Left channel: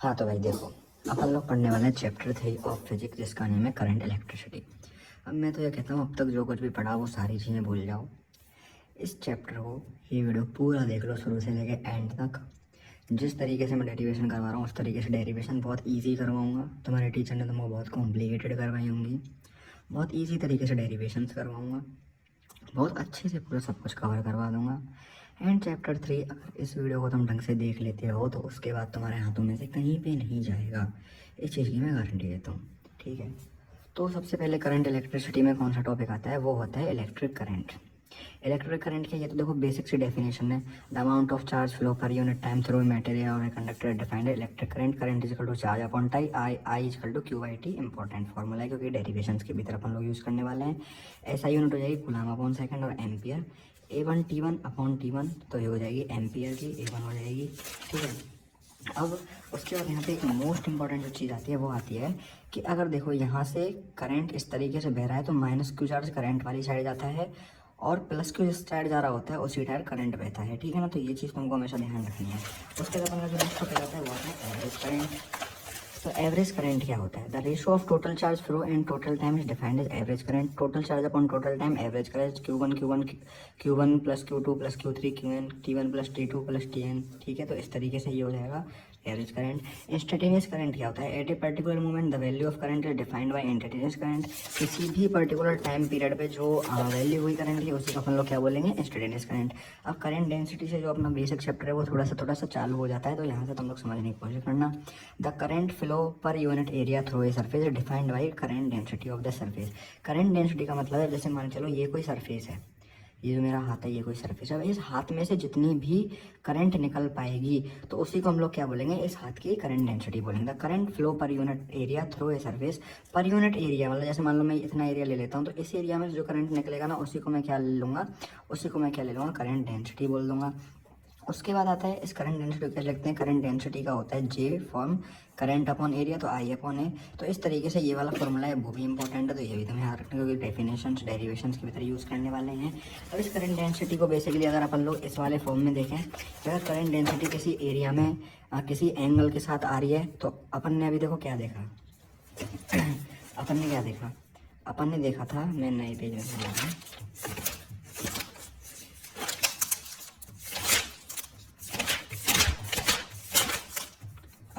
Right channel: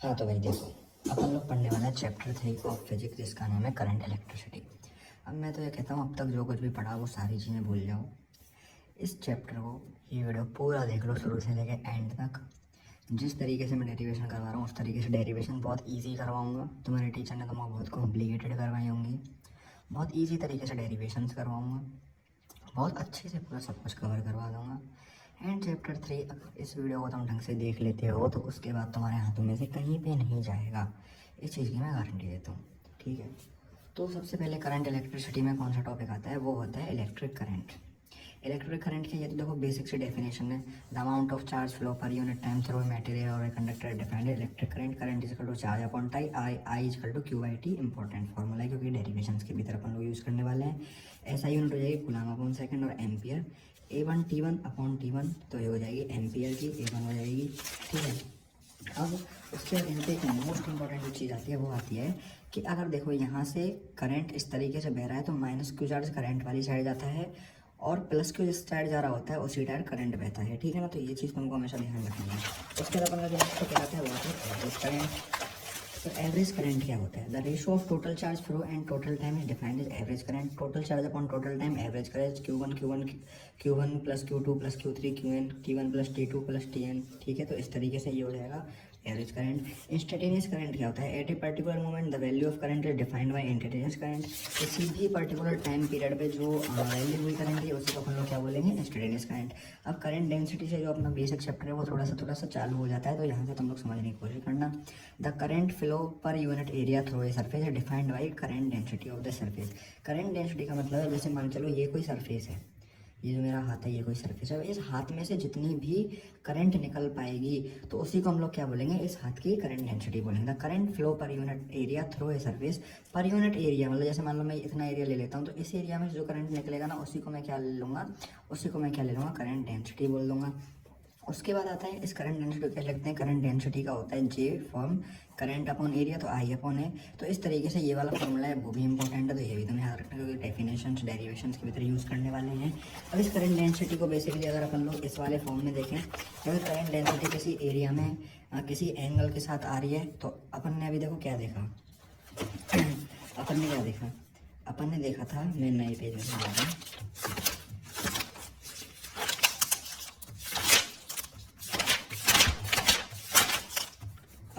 हाँ तो भाई देखो, अपन लोग पढ़ने वाला है चैप्टर 3 ऑफ फिजिक्स, जिसका नेम है करंट इलेक्ट्रिसिटी। अब मैं तो ये कहता हूँ अब तक जो कुछ भी पढ़ा वो सारी चीज़ें भूल जाओ। इस चैप्टर को, ये वीडियो पूरा देख लो शुरू से लेके एंड तक। जिस तरीके से मैं डेरिवेशन करवा रहा हूँ उस तरीके से डेरिवेशन बहुत ईजी करवाऊँगा। तुम्हारे टीचर ने तुम्हें बहुत कॉम्प्लिकेटेड करवाई होंगी, बहुत ईजी तरीके से डेरिवेशंस करवाऊँगा, बहुत अच्छे से पूरा सब कुछ कवर करवा दूँगा। एंड चैप्टर 3 अगर इस वीडियो को तुम ढंग से देख लेते हो तो उसके बाद तुम्हारे हाथों में से कहीं पे नहीं जाएगा, इस चीज़ की मैं गारंटी देता हूँ। ठीक है, तो सबसे पहले करंट इलेक्ट्रिसिटी में कौन सा टॉपिक आता है, वो होता है इलेक्ट्रिक करंट। इलेक्ट्रिक करंट की ये तो देखो बेसिक सी डेफिनेशन है। The amount of charge flow per unit time through material और a conductor defined electric current. Current is equal to charge upon time, I is equal to Q I T. Important formula है क्योंकि derivations की भी तरफ हम लोग use करने वाले हैं। ऐसा यूनिट हो जाएगी कूलम अपॉन सेकंड और ampere. A1 T1 upon T1 तो ये हो जाएगी एम्पियर की, A1 हो जाएगी। ठीक है, अब उसके बाद यहाँ पे एक मोस्ट इंपॉर्टेंट जो चीज़ आती है वो आती है कि अगर देखो यहाँ से करंट इस तरीके से बह रहा है तो माइनस क्यू चार्ज करंट वाली साइड जाता है और प्लस क्यू जिस साइड जा रहा होता है उसी साइड करंट बहता है। ठीक है ना, तो ये चीज़ तुमको हमेशा ध्यान रखनी है। उसके बाद अपना जो नेक्स्ट क्या आता है वो आता है एवरेज करंट। तो एवरेज करंट क्या होता है, the ratio of total charge flow and total time is defined as average current. Total charge upon total time, average current Q1 plus Q2 plus Q3 Qn T1 plus T2 plus Tn। ठीक है, तो इस तरीके से ये हो जाएगा average current. Instantaneous current क्या होता है, at a particular moment the value of current is defined by instantaneous current. किसी भी पर्टिकुलर टाइम पीरियड पे जो वैल्यू हुई करंट की उसी को अपन लोग क्या बोलेंगे, इंस्टेंटेनियस करंट। अब करंट डेंसिटी से जो अपना बेसिक चैप्टर है वो थोड़ा सा चालू हो जाता है, तो यहाँ से तुम लोग समझने की कोशिश करना। The current flow per unit area through a surface is defined by current density of the surface. Current density का मतलब है, जैसे मान चलो ये कोई सरफेस है, ये जो मेरा हाथ है ये कोई सरफेस है, इस हाथ में से जितनी भी करंट निकल पाएगी तो उसी को हम लोग क्या बोलेंगे, इस हाथ की करंट डेंसिटी बोलेंगे। Current flow per unit area through a surface. Per unit area मतलब जैसे मान लो मैं इतना एरिया ले लेता हूँ तो इस एरिया में जो करंट निकलेगा ना उसी को मैं क्या ले लूँगा, उसी को मैं क्या ले लूँगा, करंट डेंसिटी बोल दूँगा। उसके बाद आता है इस करंट डेंसिटी क्या लिखते हैं, करंट डेंसिटी का होता है जे फॉर्म करंट अपॉन एरिया, तो आई अपॉन ए। तो इस तरीके से ये वाला फॉर्मूला है वो भी इंपॉर्टेंट है, तो ये भी तुम्हें याद रखना क्योंकि डेफिनेशंस डेरिवेशंस की तरह यूज़ करने वाले हैं। अब इस करंट डेंसिटी को बेसिकली अगर अपन लोग इस वाले फॉर्म में देखें, अगर करंट डेंसिटी किसी एरिया में किसी एंगल के साथ आ रही है तो अपन ने अभी देखो क्या देखा अपन ने क्या देखा, अपन ने देखा था, मैं नए पेज में जा रहा हूँ।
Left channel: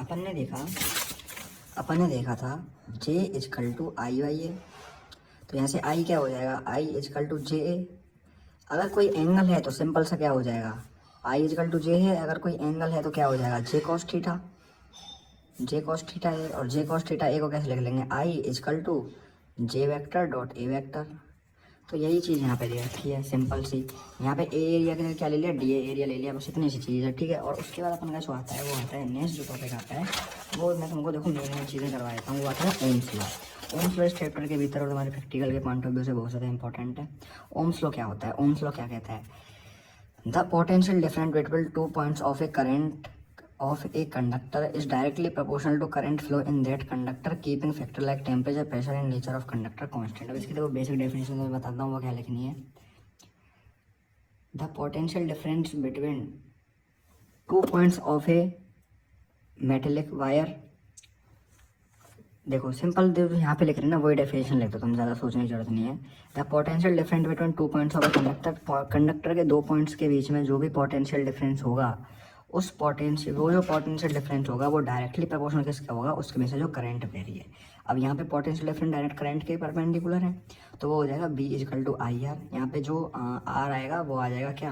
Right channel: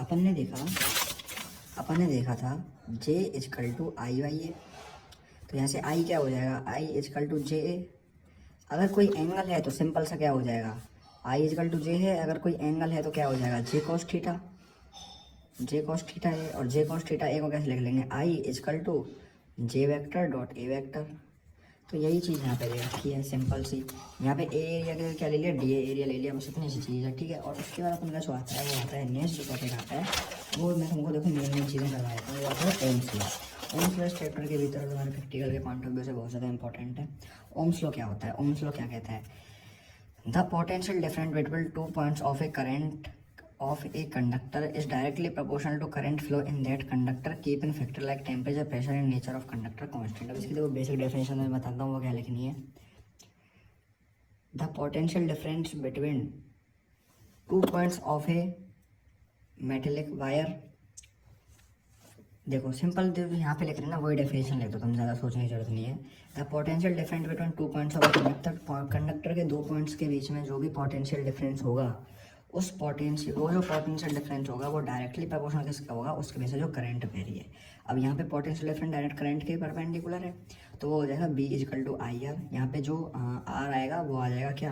अपन ने देखा था J is equal to I by A. तो यहाँ से I क्या हो जाएगा, I is equal to J A. अगर कोई एंगल है तो सिंपल सा क्या हो जाएगा, I इजकल टू जे है। अगर कोई एंगल है तो क्या हो जाएगा, जे कॉस थीटा। जे कॉस थीटा है और जे कॉस थीटा ए को कैसे लिख लेंगे, I is equal to J vector dot A vector. तो यही चीज़ यहाँ पे दे रखी है सिंपल सी। यहाँ पे ए एरिया के क्या ले लिया, डी एरिया ले लिया, बस इतनी सी चीज़ है। ठीक है, और उसके बाद अपन का जो आता है वो आता है नेक्स्ट जो टॉपिक आता है वो मैं तुमको देखो मेन चीज़ें करवा देता हूँ। वो आता है ओम्स लॉ। ओम्स लॉ इस चैप्टर के भीतर और तुम्हारे प्रैक्टिकल के पॉइंट ऑफ व्यू से बहुत ज़्यादा इंपॉर्टेंट है। ओम्स लॉ क्या होता है, ओम्स लॉ क्या कहता है, the potential difference between 2 points of A current of a conductor is directly proportional to current flow in that conductor keeping factor like temperature, pressure and nature of conductor constant। अब इसकी देखो basic definition मैं बताता हूँ वो क्या लिखनी है। The potential difference between 2 points of A metallic wire, देखो सिंपल जो यहाँ पे लिख रहे हैं ना वही डेफिनेशन लिख दो, तुम ज़्यादा सोचने की जरूरत नहीं है। The potential difference between 2 points of conductor, conductor के 2 पॉइंट्स के बीच में जो भी पोटेंशियल डिफरेंस होगा उस पोटेंशियल वो जो पोटेंशियल डिफरेंस होगा वो डायरेक्टली प्रोपोर्शनल किसका होगा, उसके बेस से जो करंट बह रही है। अब यहाँ पे पोटेंशियल डिफरेंस डायरेक्ट करंट के परपेंडिकुलर है तो वो हो जाएगा B equal to I R. यहाँ पे जो आर आएगा वो आ जाएगा क्या,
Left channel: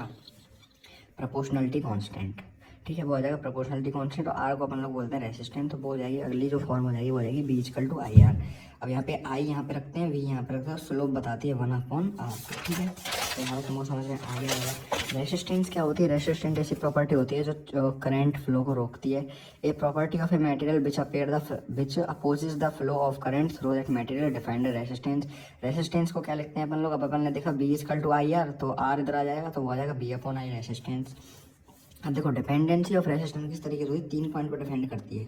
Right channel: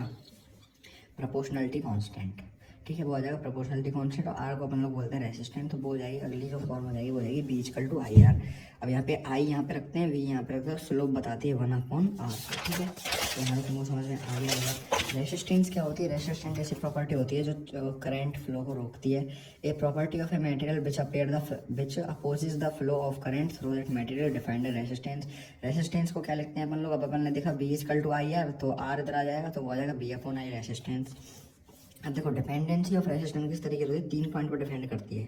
प्रोपोर्शनलिटी कांस्टेंट। ठीक है, वो आ जाएगा प्रोपोर्शनलिटी कांस्टेंट और आर को अपन लोग बोलते हैं रेसिस्टेंट। तो वो हो जाएगी अगली जो फॉर्म हो जाएगी वो हो जाएगी B equal to I R. अब यहाँ पे आई यहाँ पे रखते हैं, वी यहाँ पे रखते हैं, स्लोप बताती है 1/r। ठीक है, तो यहाँ पे तुमको समझ में आ गया। रेसिस्टेंस क्या होती है, रेसिस्टेंस ऐसी प्रॉपर्टी होती है जो करंट फ्लो को रोकती है। A property of a material which opposes the flow of current through that material defined resistance. Resistance को क्या लिखते हैं अपन लोग, अब अपन ने देखा B equal to I R, तो आर इधर आ जाएगा तो वो आ जाएगा बी अपॉन आई रेसिस्टेंस। अब देखो डिपेंडेंसी ऑफ रेसिस्टेंस किस तरीके से होती है, 3 पॉइंट पर डिपेंड करती है,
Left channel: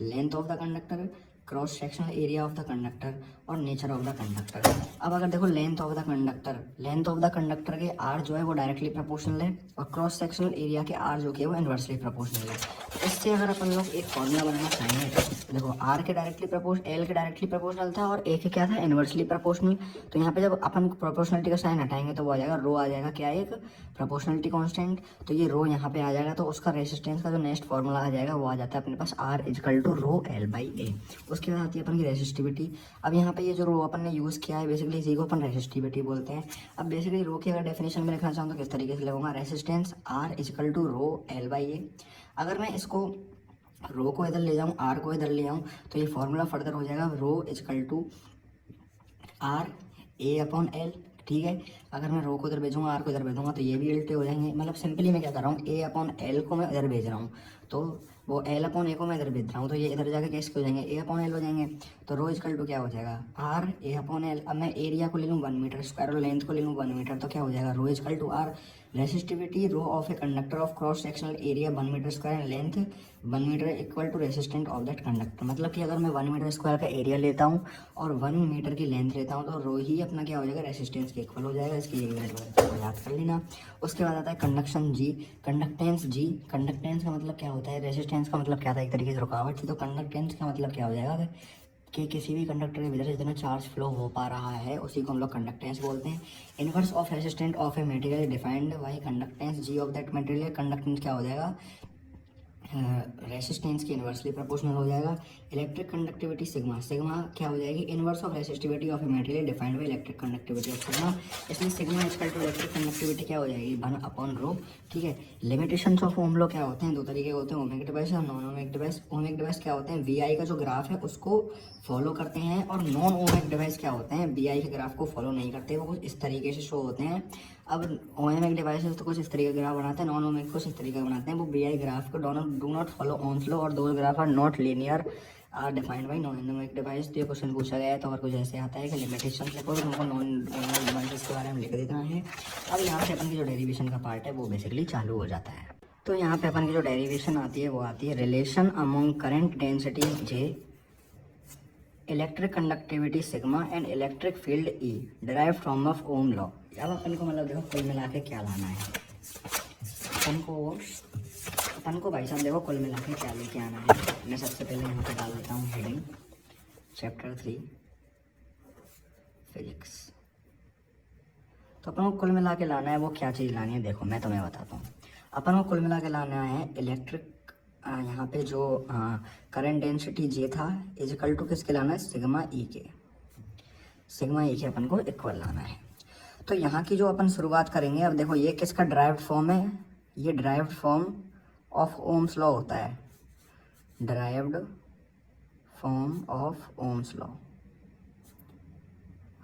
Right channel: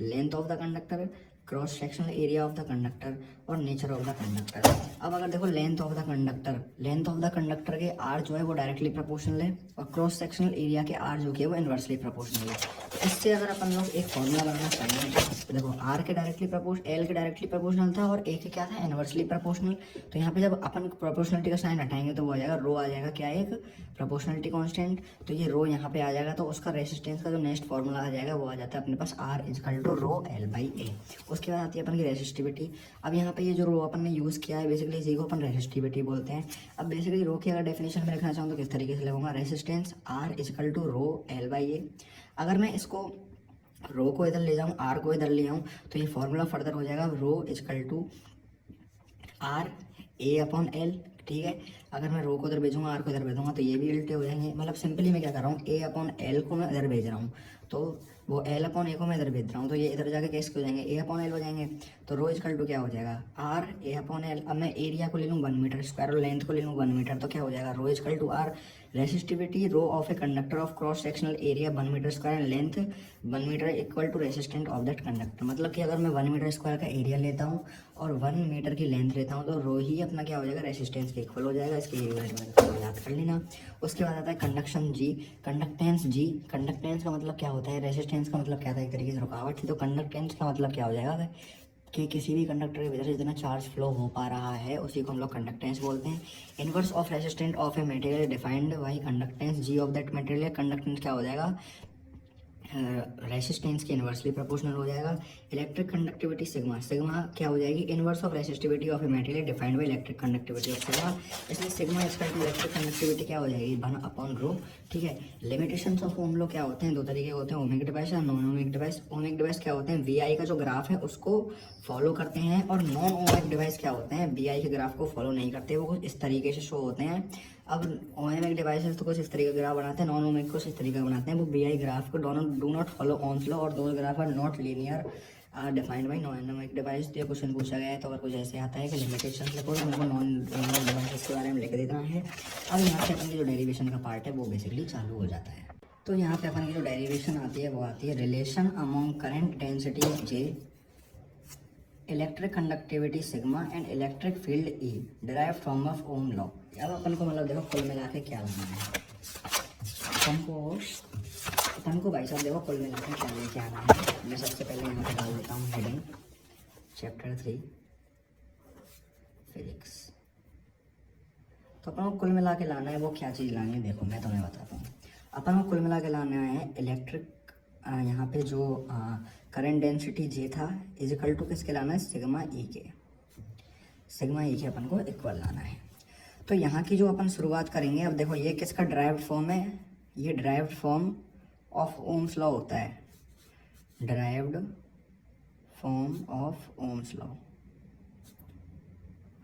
length of the conductor, cross sectional area of the conductor और नेचर ऑफ द कंडक्टर। अब अगर देखो लेंथ ऑफ द कंडक्टर के आर जो है वो डायरेक्टली प्रोपोर्शनल है और क्रॉस सेक्शनल एरिया के आर जो कि है वो इन्वर्सली प्रोपोर्शनल है। इससे अगर अपन लोग एक फॉर्मूला बनाना चाहें तो देखो आर के डायरेक्टली एल के डायरेक्टली प्रोपोर्शनल था और ए के क्या था, इन्वर्सली प्रोपोर्शनल। तो यहाँ पे जब अपन प्रोपोर्शनलिटी का साइन हटाएंगे तो वो आ जाएगा रो, आ जाएगा क्या, एक प्रोपोर्शनलिटी कांस्टेंट। तो ये रो यहाँ पे आ जाएगा, तो उसका रेसिस्टेंस का जो नेक्स्ट फॉर्मूला आ जाएगा वो आ जाता है अपने पास R is equal to rho L by A. उसके बाद आती है अपन की रेसिस्टिविटी। अब यहाँ पे ये जो रो अपन ने यूज़ किया है बेसिकली इसी को अपन रेसिस्टिविटी बोलते हैं। अब बेसिकली रो की अगर डेफिनेशन में लिखना चाहूँ तो किस तरीके से लिखूंगा, resistance R is equal to rho L by A. अगर मैं इसको रो को इधर ले जाऊँ, आर को इधर ले जाऊँ, तो ये फॉर्मूला फर्दर हो जाएगा rho is equal to R A upon L. ठीक है, अगर मैं रो को इधर भेजूंगा, आर को इधर भेजूंगा तो ये भी उल्टे हो जाएंगे। मतलब सिंपली मैं क्या कर रहा हूँ, ए अपॉन एल को मैं इधर भेज रहा हूँ, तो वो एल अपॉन ए को मैं इधर भेज रहा हूँ, तो ये इधर जाके कैसे हो जाएंगे, ए अपॉन एल हो जाएंगे। तो रो इजकल टू क्या हो जाएगा, आर ए अपॉन एल। अब मैं एरिया को ले लूँ 1 मीटर स्क्वायर और लेंथ को ले लूँ 1 मीटर, तो क्या हो जाएगा, rho is equal to R resistivity rho of a conductor of cross sectional area 1 metre square and length 1 metre equal to resistant of that conductor. मतलब कि अगर मैं 1 मीटर स्क्वायर का एरिया लेता हूँ और 1 मीटर की लेंथ लेता हूँ तो रो ही अपना क्या हो जाएगा, रेसिस्टेंस के इक्वल हो जाएगा। इसकी याद कर लेना। उसके बाद आता है कंडक्शन जी, कंडक्टेंस जी। कंडक्टेंस का मतलब क्या होता है, रेसिस्टेंस का मतलब क्या था, एक तरीके से रुकावट थी। तो कंडक्टेंस का मतलब क्या हो जाएगा कि किसी भी कंडक्टर के वजह से जितना चार्ज फ्लो हो पा रहा है उसी को हम लोग कंडक्टेंस बोलते हैं। Inverse of resistant of a material defined by conductance G of that material. Conductance क्या हो जाएगा, रेसिस्टेंस के इन्वर्सली प्रोपोर्शनल हो जाएगा। इलेक्ट्रिक कंडक्टिविटी सिग्मा, सिग्मा क्या हो जाएगी, inverse of resistivity of a material defined by electric conductivity of sigma. इसलिए sigma is equal to electric conductivity क्या हो जाएगी, 1 अपॉन रो। ठीक है, लिमिटेशंस ऑफ ओम लॉ क्या होते हैं, दो तरीके होते हैं, ओमिक डिवाइस और non ohmic device. Ohmic device क्या होते हैं, वी का जो ग्राफ है उसको फॉलो करते हैं, और नॉन ओमिक डिवाइस क्या होते हैं, बी के ग्राफ को फॉलो नहीं करते, वो कुछ इस तरीके से शो होते हैं। अब ओमिक डिवाइसेस तो कुछ इस तरीके का ग्राफ बनाते हैं, नॉन ओमिक कुछ इस तरीके का बनाते हैं। वो बी ग्राफ को दोनों do not follow Ohm's law, और दोनों graph are not linear are defined by non ohmic device. तो ये क्वेश्चन पूछा गया है, तो अगर कुछ ऐसे आता है कि लिमिटेशन देखो हमको नॉन ओमिक डिवाइसेस के बारे में लिख देना है। अब यहाँ पे अपन की जो डेरिवेशन का पार्ट है वो बेसिकली चालू हो जाता है। तो यहाँ पे अपन की जो डेरिवेशन आती है वो आती है relation among current density J, electric conductivity sigma and electric field E derived from of Ohm law. अब अपन को मतलब देखो कुल मिला के क्या लाना है, अपन को भाई साहब देखो कुल मिला के क्या लेके आना है। मैं सबसे पहले यहाँ पे डाल देता हूँ हेडिंग चैप्टर 3 फिजिक्स। तो अपन को कुल मिला के लाना है, वो क्या चीज़ लानी है देखो मैं तुम्हें बताता हूँ। अपन को कुल मिला के लाना है इलेक्ट्रिक, यहाँ पे जो करंट डेंसिटी जे था इजिकल टू किसके लाना है, सिग्मा ई के। सिग्मा ई के अपन को इक्वल लाना है। तो यहाँ की जो अपन शुरुआत करेंगे, अब देखो ये किसका ड्राइव्ड फॉर्म है, ये derived form of Ohm's law होता है, derived form of Ohm's law.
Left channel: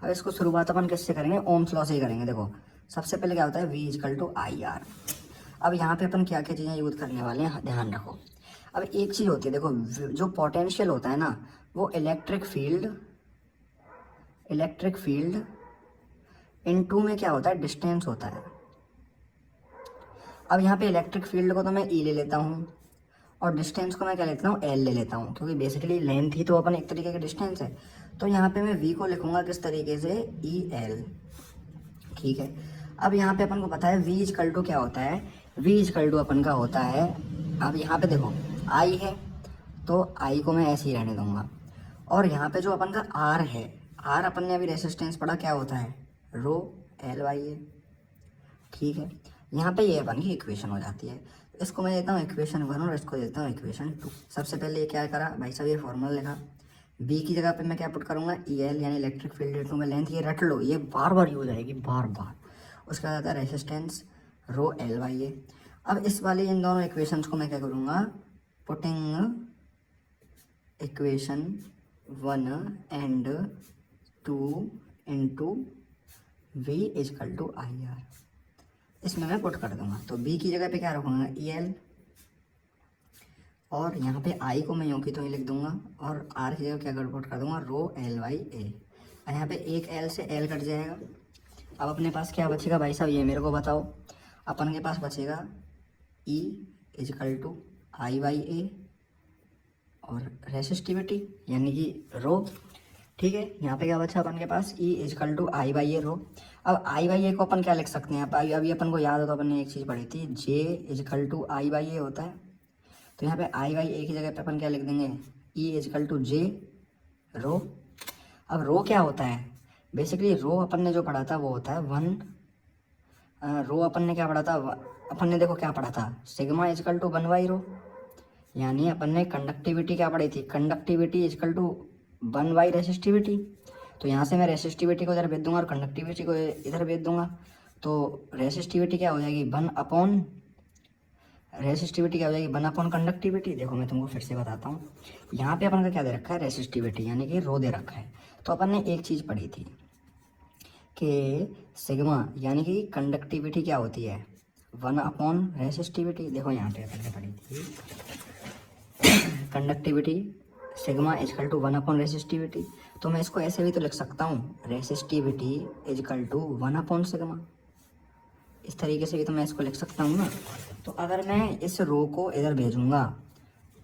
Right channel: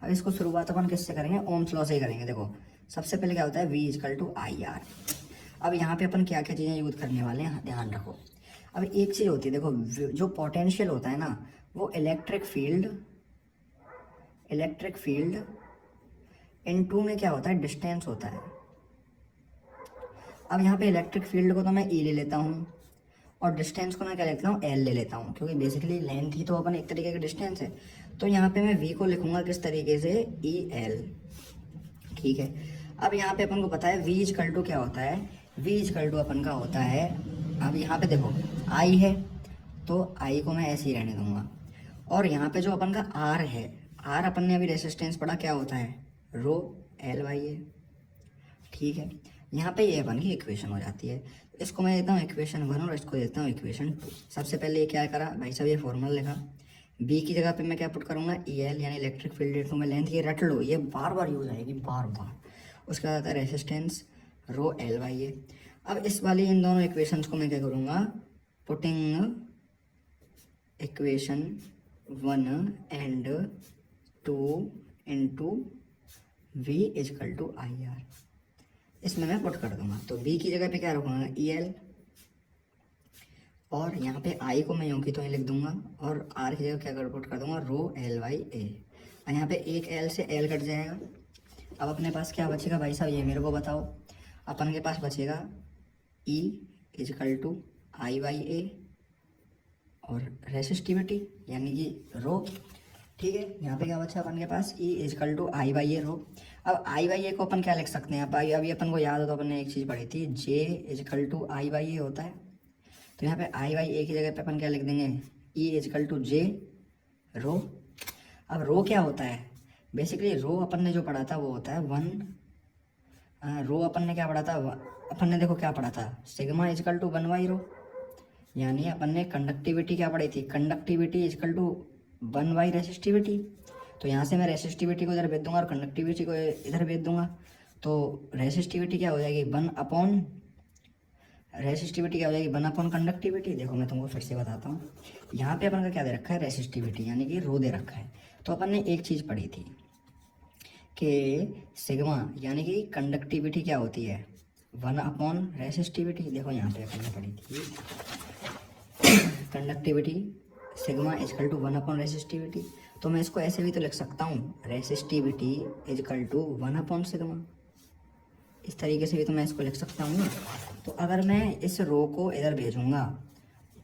अब इसको शुरुआत अपन किससे करेंगे, ओम्स लॉ से ही करेंगे। देखो सबसे पहले क्या होता है, V equal to I R. अब यहाँ पे अपन क्या क्या चीज़ें यूज़ करने वाले हैं ध्यान रखो। अब एक चीज़ होती है देखो, जो पोटेंशियल होता है ना वो इलेक्ट्रिक फील्ड इनटू में क्या होता है, डिस्टेंस होता है। अब यहाँ पे इलेक्ट्रिक फील्ड को तो मैं E ले लेता हूँ और डिस्टेंस को मैं क्या लेता हूँ, L ले लेता हूँ, क्योंकि बेसिकली लेंथ ही तो अपन एक तरीके का डिस्टेंस है। तो यहाँ पे मैं V को लिखूंगा किस तरीके से, EL। ठीक है, अब यहाँ पे अपन को पता है V इजकल टू क्या होता है, V इजकल टू अपन का होता है, अब यहाँ पे देखो I है तो I को मैं ऐसे ही रहने दूंगा, और यहाँ पे जो अपन का R है, R अपन ने अभी रेसिस्टेंस पढ़ा क्या होता है, रो एल बाई ए। ठीक है, यहाँ पे ये अपन की इक्वेशन हो जाती है। इसको मैं देता हूँ इक्वेशन 1 और इसको देता हूँ इक्वेशन 2। सबसे पहले ये क्या करा भाई साहब, ये फॉर्मूला लिखा, बी की जगह पे मैं क्या पुट करूँगा, ई एल यानी इलेक्ट्रिक फील्ड इनटू में लेंथ। ये रट लो, ये बार बार यूज आएगी बार बार। उसके बाद आता है रेसिस्टेंस रो एल बाई ए। अब इस वाली इन दोनों इक्वेशंस को मैं क्या करूँगा, putting equation 1 and 2 into V equal to I R, इसमें मैं पुट कर दूंगा। तो B की जगह पे क्या रखूँगा, ई एल, और यहाँ पे I को मैं यूँ की तो ही लिख दूंगा, और R की जगह क्या कर पुट कर दूंगा, रो एल बाई ए। यहाँ पे एक L से L कट जाएगा। अब अपने पास क्या बचेगा भाई साहब, ये मेरे को बताओ। अपन के पास बचेगा E is equal to I by A और रेसिस्टिविटी यानी कि रो, ठीक है, यहाँ पे क्या बचा अपन के पास, ई इजकल टू आई बाई ए रो। अब आई बाई ए को अपन क्या लिख सकते हैं, अभी अपन को याद हो तो अपन ने एक चीज़ पढ़ी थी, जे इजकल टू आई बाई ए होता है। तो यहाँ पे आई बाई ए की जगह पे अपन क्या लिख देंगे, ई इजकल टू जे रो। अब रो क्या होता है, बेसिकली रो अपन ने जो पढ़ा था वो होता है वन, रो अपन ने क्या पढ़ा था, अपन ने देखो क्या पढ़ा था, sigma is equal to one by rho. यानी अपन ने कंडक्टिविटी क्या पढ़ी थी, conductivity equal to one by resistivity. तो यहाँ से मैं रेसिस्टिविटी को इधर भेज दूंगा और कंडक्टिविटी को इधर भेज दूंगा। तो रेसिस्टिविटी क्या हो जाएगी, वन अपॉन, रेसिस्टिविटी क्या हो जाएगी, वन अपॉन कंडक्टिविटी। देखो मैं तुमको फिर से बताता हूँ, यहाँ पे अपन का क्या दे रखा है, रेसिस्टिविटी यानी कि रो दे रखा है। तो अपन ने एक चीज़ पढ़ी थी कि सिग्मा यानी कि कंडक्टिविटी क्या होती है, वन अपॉन रेसिस्टिविटी। देखो यहाँ पे अपन ने पढ़ी थी conductivity sigma is equal to one upon resistivity. तो मैं इसको ऐसे भी तो लिख सकता हूँ, resistivity equal to one upon sigma. इस तरीके से भी तो मैं इसको लिख सकता हूँ ना। तो अगर मैं इस रो को इधर भेजूंगा,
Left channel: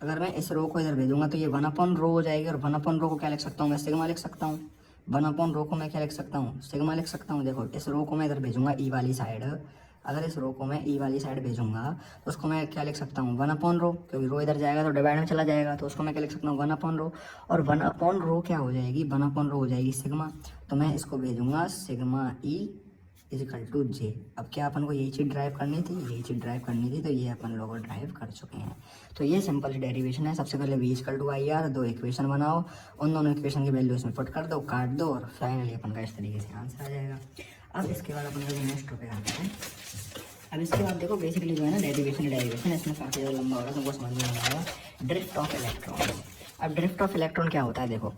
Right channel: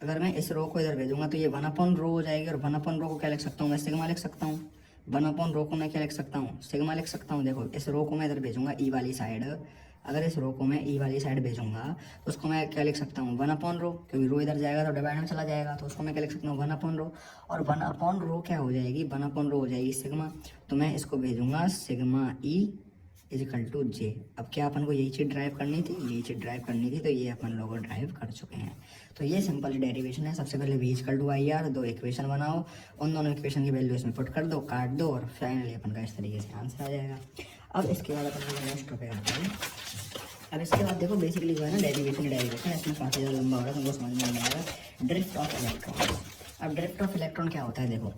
अगर मैं इस रो को इधर भेजूंगा तो ये वन अपॉन रो हो जाएगी, और वन अपॉन रो को क्या लिख सकता हूँ, मैं सिग्मा लिख सकता हूँ। वन अपॉन रो को मैं क्या लिख सकता हूँ, सिग्मा लिख सकता हूँ। देखो इस रो को मैं इधर भेजूंगा ई वाली साइड, अगर इस रो को मैं ई वाली साइड भेजूंगा तो उसको मैं क्या लिख सकता हूँ, वन अपॉन रो, क्योंकि रो इधर जाएगा तो डिवाइड में चला जाएगा, तो उसको मैं क्या लिख सकता हूँ, वन अपॉन रो। और वन अपॉन रो क्या हो जाएगी, वन अपॉन रो हो जाएगी सिग्मा। तो मैं इसको भेजूंगा सिग्मा ई इजकल टू जे। अब क्या अपन को यही चीज़ ड्राइव करनी थी, यही चीज़ ड्राइव करनी थी, तो ये अपन लोग ड्राइव कर चुके हैं। तो ये सिंपल डेरिवेशन है। सबसे पहले V equal to I R, दो इक्वेशन बनाओ, उन दोनों इक्वेशन की वैल्यू इसमें पुट कर दो, काट दो, और फाइनली अपन का इस तरीके से आंसर आ जाएगा। अब इसके बाद अपन नेक्स्ट टॉपिक आते हैं। अब इसके बाद देखो बेसिकली जो है ना डेरिवेशन इसमें काफ़ी ज़्यादा लंबा होगा, तुमको समझ में नहीं आएगा। Drift of electron. अब ड्रिफ्ट ऑफ इलेक्ट्रॉन क्या होता है, देखो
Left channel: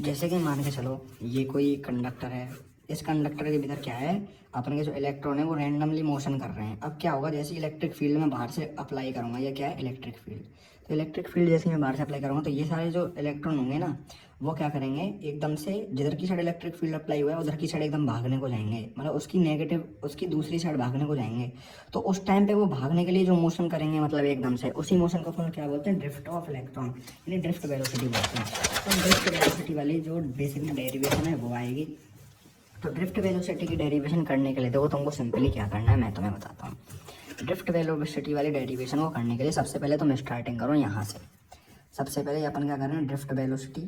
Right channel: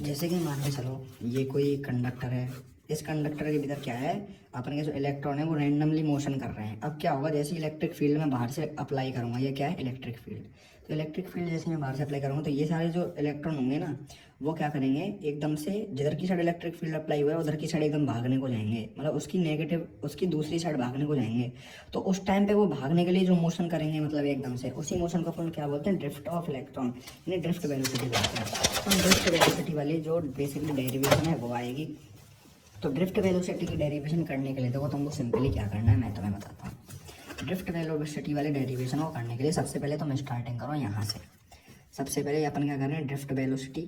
जैसे कि मान के चलो ये कोई कंडक्टर है, इस कंडक्टर के भीतर क्या है, अपन के जो इलेक्ट्रॉन है वो रैंडमली मोशन कर रहे हैं। अब क्या होगा, जैसे इलेक्ट्रिक फील्ड में बाहर से अप्लाई करूँगा, ये क्या है इलेक्ट्रिक फील्ड, तो इलेक्ट्रिक फील्ड जैसे मैं बाहर से अप्लाई करूँगा तो ये सारे जो इलेक्ट्रॉन होंगे ना वो क्या करेंगे, एकदम से जिधर की साइड इलेक्ट्रिक फील्ड अप्लाई हुआ है उधर की साइड एकदम भागने को जाएंगे, मतलब उसकी नेगेटिव, उसकी दूसरी साइड भागने को जाएंगे। तो उस टाइम पे वो भागने के लिए जो मोशन करेंगे, मतलब एकदम से, उसी मोशन को अपन क्या बोलते हैं, ड्रिफ्ट ऑफ इलेक्ट्रॉन, यानी ड्रिफ्ट वेलोसिटी बोलते हैं। तो ड्रिफ्ट वेलोसिटी वाली जो बेसिकली डेरिवेशन है वो आएगी। तो ड्रिफ्ट वेलोसिटी की डेरिवेशन करने के लिए देखो तुमको सिंपली क्या करना है मैं तुम्हें बताता हूँ। ड्रिफ्ट वेलोसिटी वाली डेरिवेशन को करने के लिए सबसे पहले तुम स्टार्टिंग करो यहाँ से। सबसे पहले अपन क्या कर रहे हैं, ड्रिफ्ट वेलोसिटी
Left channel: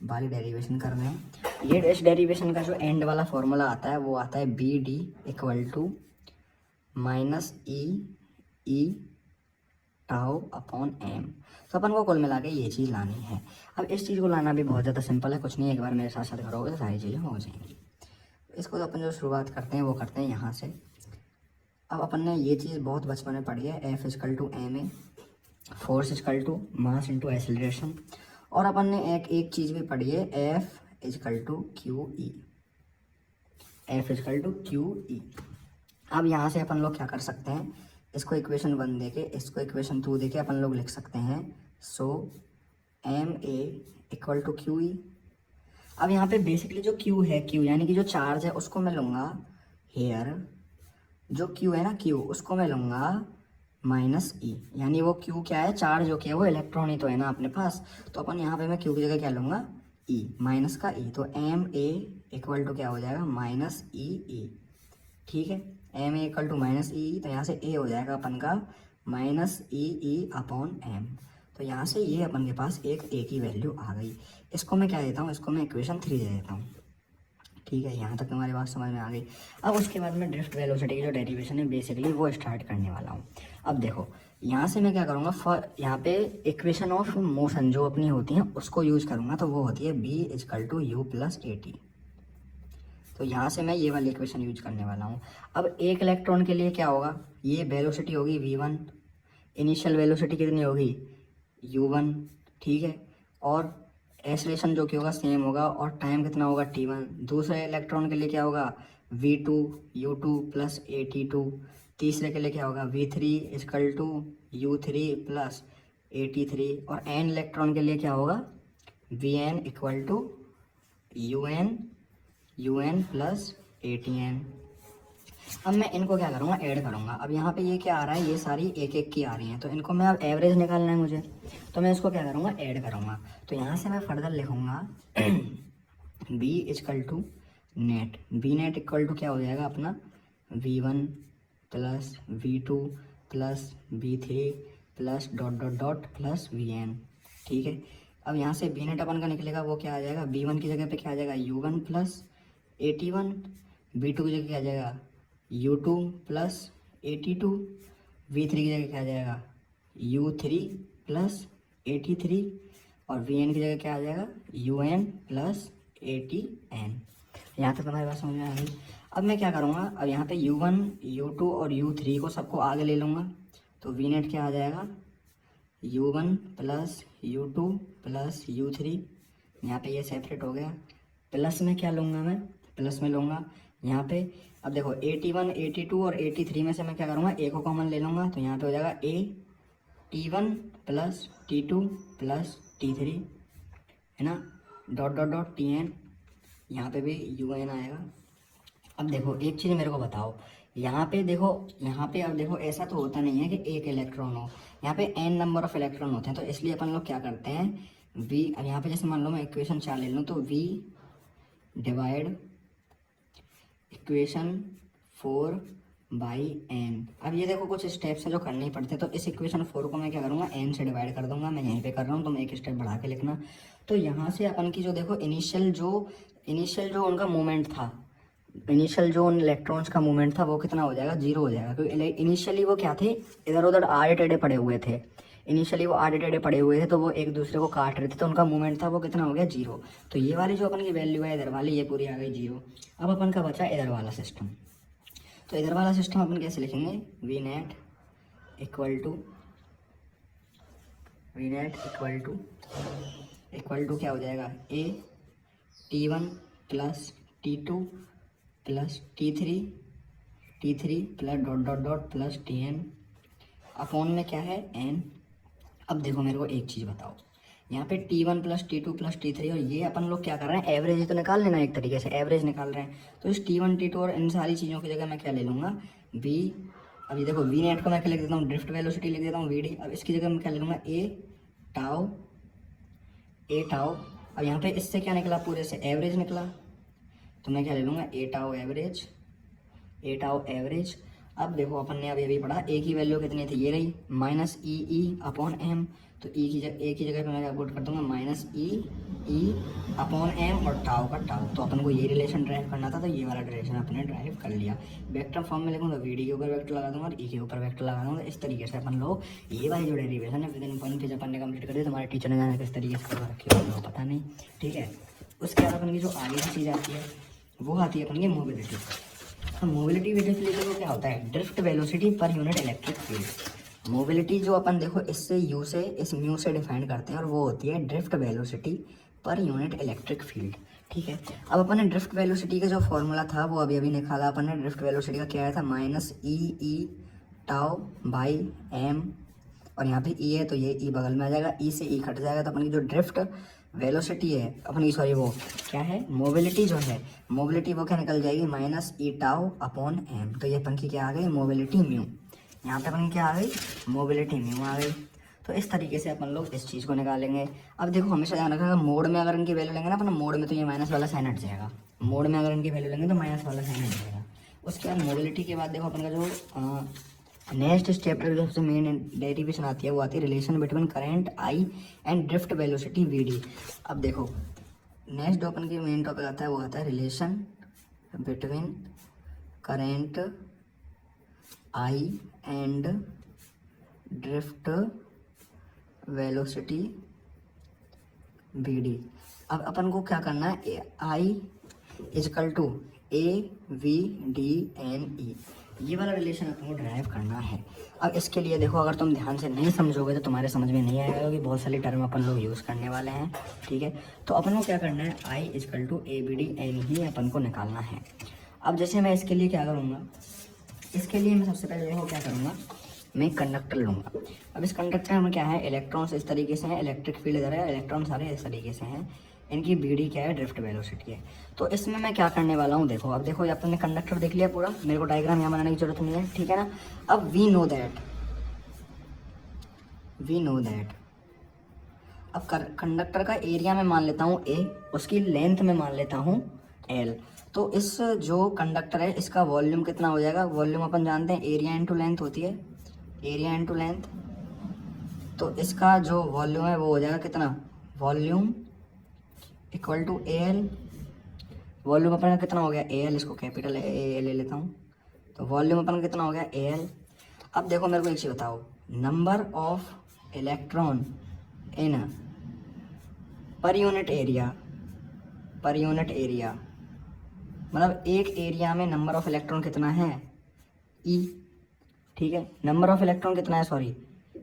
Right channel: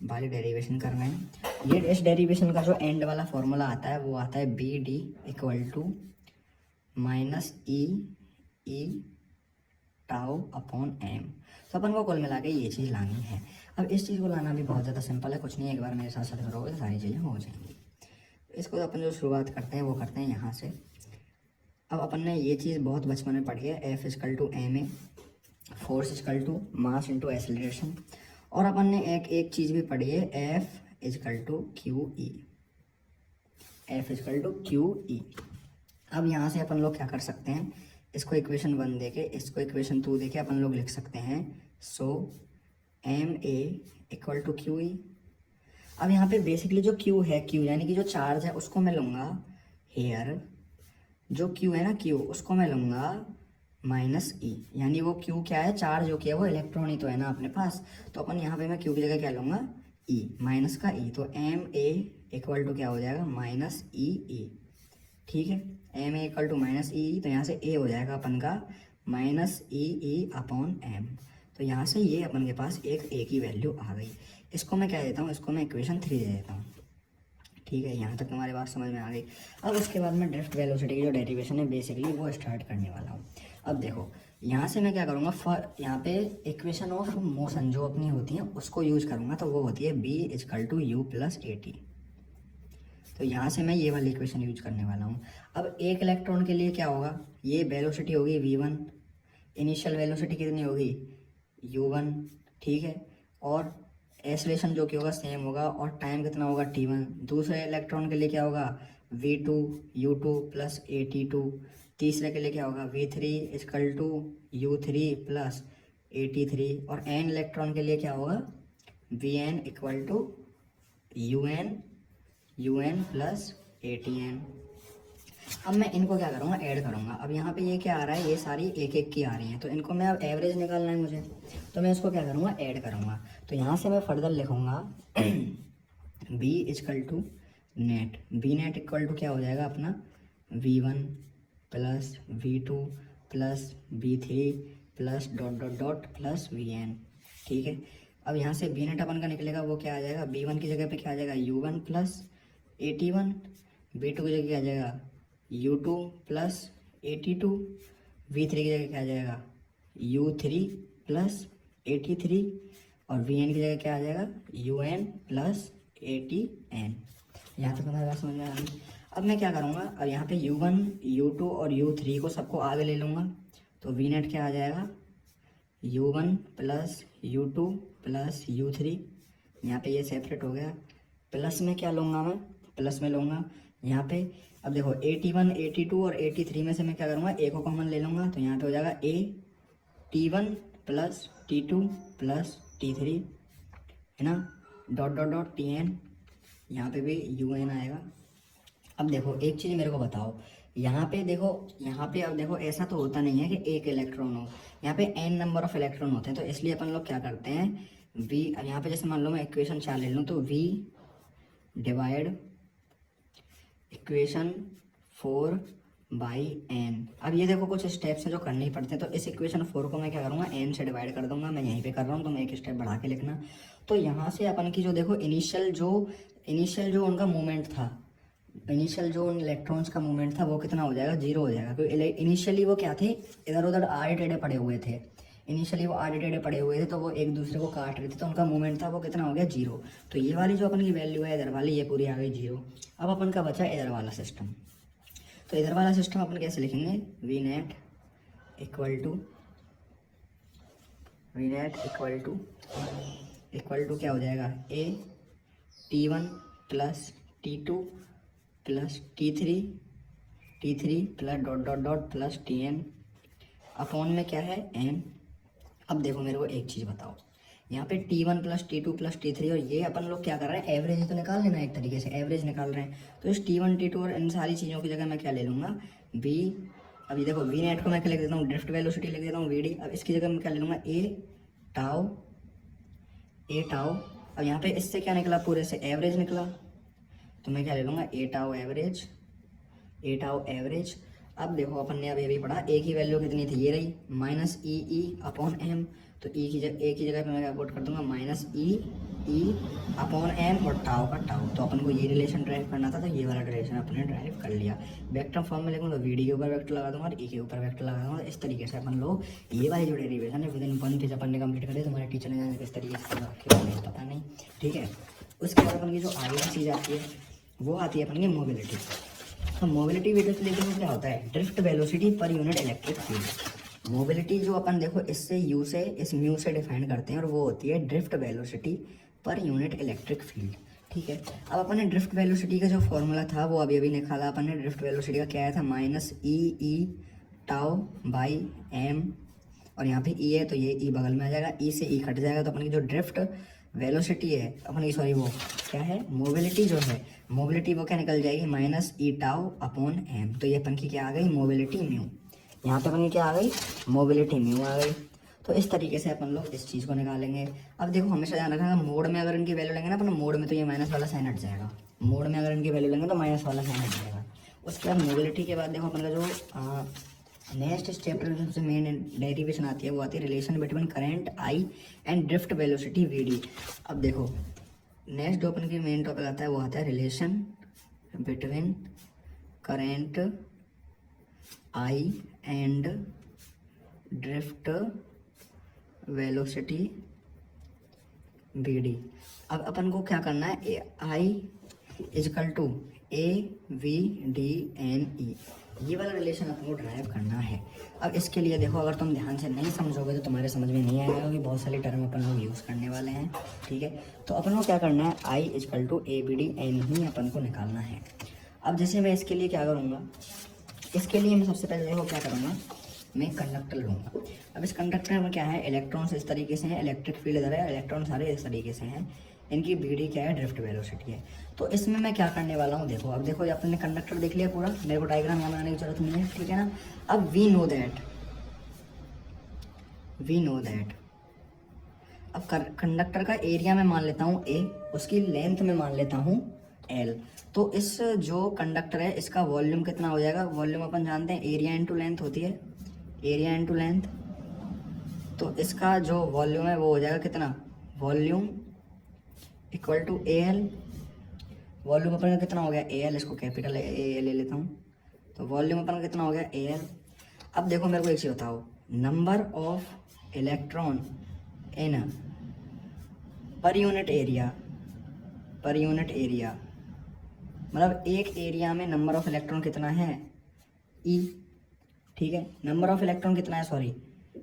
वाली डेरिवेशन कर रहे हैं। ये इस डेरिवेशन का जो एंड वाला फॉर्मूला आता है वो आता है B D equal to minus E tau upon M. तो अपन को कुल मिला के ये चीज़ लानी है। अब इस चीज़ को लाना भी बहुत ज़्यादा सिंपल है, कुछ नहीं है, एक बार मेरे साथ साथ करोगे तो सारी चीज़ें हो जाएंगी। इसको अपन जो शुरुआत करते हैं वो करते हैं यहाँ से। अब अपन ने ये चीज़ बहुत बचपन में पढ़ी है, F equal to M A, force equal to mass into acceleration. और अपन ने एक चीज़ भी पढ़ी है, F equal to Q E, F equal to Q E. अब यहाँ से अपन लोग क्या कर सकते हैं, इसको इक्वेशन 1 देके, इसको इक्वेशन 2 देके अपन लोग लिख सकते हैं, so m a equal to Q E. अब यहाँ पे बेसिकली जो क्यू है, क्यू यानी कि जो चार्ज है उसको मैं लूँगा हेयर, जो क्यू है ना क्यू, उसको मैं लूँगा माइनस ई, यानी वो क्यू क्या है, चार्ज जो किया वो इलेक्ट्रॉन ही तो है ना अपने पास। तो अपन यहाँ पे मैं क्यू की जगह क्या लूँगा, ई, माइनस का ई। तो एम ए इक्वल टू क्या हो जाएगा, माइनस ई ई। ठीक है, m a equal to minus E, तो यहाँ से ए हो जाएगा अपन का माइनस ई अपॉन एम। तो यहाँ से ये अपन के पास एक ए की वैल्यू आ गई। इसको मैं क्या देता हूँ, इसको मैं इक्वेशन 3 दे देता हूँ। ठीक है, यहाँ तक तुम्हारी बात समझ में आ गई। अब उसके बाद में ड्रिफ्ट वेलोसिटी की जो डेरिवेशन है बेसिकली वो स्टार्ट करने वाला हूँ। अब देखो यहाँ से मैं क्या करूँगा, यहाँ पे इक्वेशन ऑफ मोशन जो अपनी होती हैं उसको यूज़ करूँगा, तो वो होती है B equal to U plus A T. तो यहाँ से मैं ये वाली इक्वेशन यूज करने वाला हूँ। अब एक इलेक्ट्रॉन के लिए क्या होगा, ये वेलोसिटी होगी v1, इनिशियल वेलोसिटी कितनी होगी u1, ठीक है, और एक्सेलरेशन जो कि होगा सेम होगा, और टाइम कितना होगा t1। दूसरे इलेक्ट्रॉन के लिए क्या होगा v2 u2 प्लस at2। तीसरे के लिए क्या होगा v3 is equal to u3 plus at3। और n इलेक्ट्रॉन के लिए क्या होगा vn equal to un plus atn। अब मैं इनको क्या करूँगा, ऐड करूँगा। अब यहाँ पे ये क्या आ रहा है, ये सारी एक एक की आ रही है, तो इनको मैं अब एवरेज निकालना है मुझे, तो मैं इसको क्या करूँगा, ऐड करूँगा। तो यहाँ से मैं फर्दर लिखूँगा B equal to net, B net equal to क्या हो जाएगा अपना V1 plus V2 plus V3 plus dot dot dot plus Vn। ठीक है, अब यहाँ से बी नेट अपन का निकलेगा, वो क्या आ जाएगा, B1 की जगह पे क्या आ जाएगा U1 प्लस 81, B2 की जगह क्या आ जाएगा U2 प्लस 82, V3 की जगह क्या आ जाएगा U3 प्लस 83 और Vn की जगह क्या आ जाएगा UN प्लस 80n। यहाँ तक हमारी बात समझ में आ गई। अब मैं क्या करूँगा, अब यहाँ पे U1 U2 और U3 को सबको आगे ले लूँगा, तो V नेट क्या आ जाएगा U1 plus U2 plus U3, यहाँ पे ये सेपरेट हो गया। प्लस में क्या लूँगा, मैं प्लस में लूँगा यहाँ पे, अब देखो 81 82 और 83 में से मैं क्या करूँगा, ए को कॉमन ले लूँगा, तो यहाँ पे हो जाएगा T1 plus T2 plus T3, है ना, डॉट डॉट डॉट Tn, यहाँ पे भी UN आएगा। अब देखो एक चीज़ मेरे को बताओ, यहाँ पे देखो, यहाँ पे अब देखो ऐसा तो होता नहीं है कि एक इलेक्ट्रॉन हो, यहाँ पे n नंबर ऑफ इलेक्ट्रॉन होते हैं, तो इसलिए अपन लोग क्या करते हैं V, यहाँ पे जैसे मान लो मैं इक्वेशन 4 ले लूँ, तो V divide equation 4 by n। अब ये देखो कुछ स्टेप्स हैं जो करने ही पड़ते हैं, तो इस इक्वेशन 4 को मैं क्या करूँगा, n से डिवाइड कर दूंगा, मैं यहीं पे कर रहा हूँ, तो मैं एक स्टेप बढ़ा के लिखना। तो यहाँ से अपन की जो देखो इनिशियल जो उनका मूवमेंट था, इनिशियल जो उन इलेक्ट्रॉन्स का मूवमेंट था वो कितना हो जाएगा, 0 हो जाएगा, क्योंकि इनिशियली वो क्या थे, इधर उधर आड़े टेढ़े पड़े हुए थे, इनिशियली वो आड़े टेढ़े पड़े हुए थे, तो वो एक दूसरे को काट रहे थे, तो उनका मूवमेंट था वो कितना हो गया 0। तो ये वाली जो अपन की वैल्यू है इधर वाली, ये पूरी आ गई 0। अब अपन का बचा इधर वाला सिस्टम, तो इधर वाला सिस्टम अपन कैसे लिखेंगे, वी नेट इक्वल टू क्या हो जाएगा, ए T1 plus T2 plus T3 plus dot dot dot plus Tn upon में क्या है n। अब देखो मेरे को एक चीज़ बताओ, यहाँ पे T1 plus T2 plus T3 और ये अपन लोग क्या कर रहे हैं, एवरेज तो निकाल लेना, एक तरीके से एवरेज निकाल रहे हैं, तो इस T1 T2 और इन सारी चीज़ों की जगह मैं क्या ले लूँगा, V। अभी देखो V नेट को मैं क्या लिख देता हूँ, ड्रिफ्ट वेलोसिटी लिख देता हूँ VD। अब इसकी जगह मैं क्या ले लूँगा, ए टाउ। अब यहाँ पे इससे क्या निकला, पूरे से एवरेज निकला, तो मैं क्या ले लूँगा, ए टाउ एवरेज। अब देखो अपन ने अभी पढ़ा ए की वैल्यू कितनी थी, ये रही माइनस ई अपॉन एम, तो ए की जगह पे मैं क्या पुट कर दूंगा, माइनस ई अपॉन एम और टाउ का टाउ। तो अपन को ये रिलेशन ड्राइव करना था, तो ये वाला रिलेशन अपने ड्राइव कर लिया। वेक्टर फॉर्म में लिखूँ तो वी डी के ऊपर वेक्टर लगा दूंगा और ई के ऊपर वेक्टर लगा दूंगा। इस तरीके से अपन लोग ये वाली जो डेरिवेशन है विद इन 1 पेज अपन ने कंप्लीट कर दिया। तुम्हारे टीचर ने जाना किस तरीके से रखे पता नहीं, ठीक है। उसके बाद अपन की जो आगे चीज़ आती है वो आती है अपन की मोबिलिटी। तो मोबिलिटी वीडियो के लिए तो क्या होता है, drift velocity per unit electric field. Mobility जो अपन देखो इससे यू से इस म्यू से डिफाइन करते हैं और वो होती है drift velocity per unit electric field, ठीक है। अब अपन ने ड्रिफ्ट वेलोसिटी का जो फॉर्मूला था वो अभी निकाला अपन ने। ड्रिफ्ट वेलोसिटी का क्या आया था, minus E tau by M, और यहाँ पे ई है तो ये ई बगल में आ जाएगा, ई से ई कट जाएगा, तो अपन की जो ड्रिफ्ट वेलोसिटी है अपन की, सॉरी वो क्या है, मोबिलिटी जो है, मोबिलिटी वो क्या निकल जाएगी, minus E tau upon M. तो ये अपन की क्या आ गई, मोबिलिटी म्यू। यहाँ पे अपन की क्या आ गई, मोबिलिटी म्यू आ गई। तो इस तरीके से अपन लोग इस चीज़ को निकालेंगे। अब देखो हमेशा ध्यान रखना, मोड में अगर इनकी वैल्यू लेंगे ना अपन, मोड में तो ये माइनस वाला साइन हट जाएगा, मोड में अगर इनकी वैल्यू लेंगे तो माइनस वाला साइन हट जाएगा। उसके बाद मोबिलिटी के बाद देखो अपन का जो नेक्स्ट स्टेप जो सबसे मेन डेरिवेशन आती है वो आती है relation between current I and drift velocity V D. अब देखो नेक्स्ट जो अपन की मेन टॉपिक आता है वो आता है relation between current I and drift velocity V D. अब अपन को क्या करना है, I is equal to A V D N E, ये वाला रिलेशन अपन को ड्राइव करना है। अब इसके लिए देखो अगर तुम ध्यान से नहीं समझोगे तो तुम्हारे समझ में नहीं आएगा, क्योंकि बहुत सारी टर्म अपन लोग यूज़ करने वाले हैं, ठीक है। तो अपन को क्या करना है, I is equal to A B D N ही अपन को निकालना है। अब जैसे मैं इसके लिए क्या करूँगा, इसके लिए मैं सबसे पहले देखो क्या करूँगा, मैं कंडक्टर लूँगा। अब इस कंडक्टर में क्या है, इलेक्ट्रॉन्स इस तरीके से हैं, इलेक्ट्रिक फील्ड इधर है, इलेक्ट्रॉन सारे इस तरीके से हैं। इनकी बी डी क्या है, ड्रिफ्ट वेलोसिटी है। तो इसमें मैं क्या करने वाला हूँ, देखो अब देखो अपन ने कंडक्टर देख लिया पूरा, मेरे को डायग्राम यहाँ बनाने की जरूरत नहीं है, ठीक है ना। अब वी नो दैट अब कंडक्टर का एरिया में मान लेता हूँ ए, उसकी लेंथ में मान लेता हूँ एल। तो इस जो कंडक्टर है इसका वॉल्यूम कितना हो जाएगा, वॉल्यूम अपन जानते हैं एरिया इंटू लेंथ होती है, एरिया इंटू लेंथ। तो इसका जो वॉल्यूम है वो हो जाएगा कितना, volume equal to A L. Volume अपन का कितना हो गया ए एल, इसको कैपिटल ए एल ले लेता हूँ। तो वॉल्यूम अपन का कितना हो गया ए एल। अब देखो मेरे को एक चीज़ बताओ, number of electron in per unit area, मतलब एक एरिया में नंबर ऑफ इलेक्ट्रॉन कितना है, ई, ठीक है। नंबर ऑफ इलेक्ट्रॉन कितना है, sorry,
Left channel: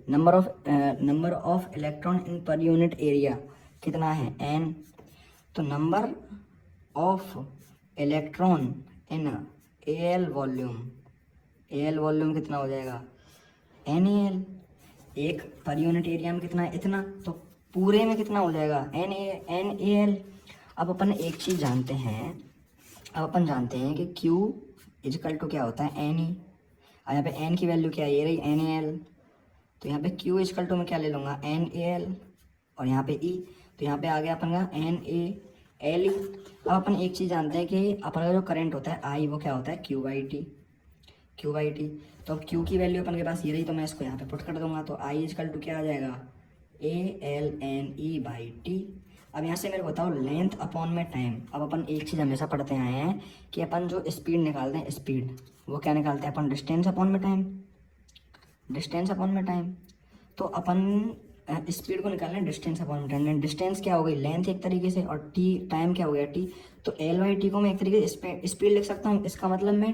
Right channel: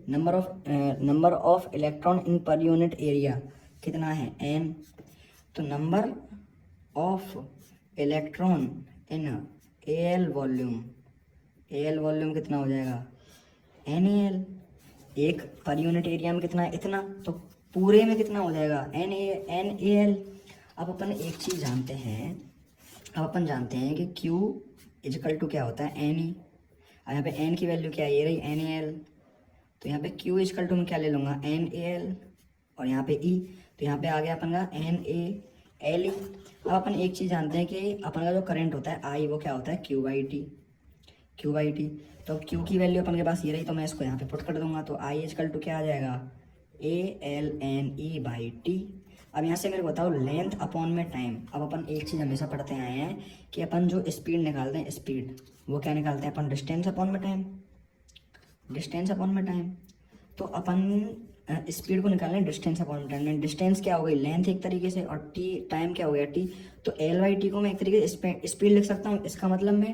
number of electron in per unit area कितना है, एन। तो number of electron in A L volume कितना हो जाएगा, एन ए एल। एक पर यूनिट एरिया में कितना है, इतना, तो पूरे में कितना हो जाएगा, एन ए एल। अब अपन एक चीज़ जानते हैं, कि Q इजकल टू क्या होता है, एन ई। और यहाँ पे एन की वैल्यू क्या है, ये रही एन ए एल। तो यहाँ पे Q इजकल टू मैं क्या ले लूँगा, एन ए एल, और यहाँ पे E, तो यहाँ पे आ गया अपन का एन ए एल। अब अपन एक चीज़ जानते हैं कि अपन का जो करंट होता है I, वो क्या होता है Q बाई टी। तो Q की वैल्यू अपन के पास ये रही, तो मैं इसको यहाँ पे पुट कर दूंगा। तो I इजकल टू क्या आ जाएगा, A L N E by T. अब यहाँ से मेरे को बताओ लेंथ अपॉन में टाइम। अब अपन एक चीज़ हमेशा पढ़ते आए हैं कि अपन जो स्पीड निकालते हैं, स्पीड वो क्या निकालते हैं अपन, डिस्टेंस अपॉन में टाइम। तो अपन स्पीड को निकालना है डिस्टेंस अपॉन में टाइम। डिस्टेंस क्या हो गई, लेंथ एक तरीके से, और टी टाइम क्या हो गया, टी। तो एल बाई टी को मैं एक तरीके से स्पीड लिख सकता हूँ, इसका मतलब मैं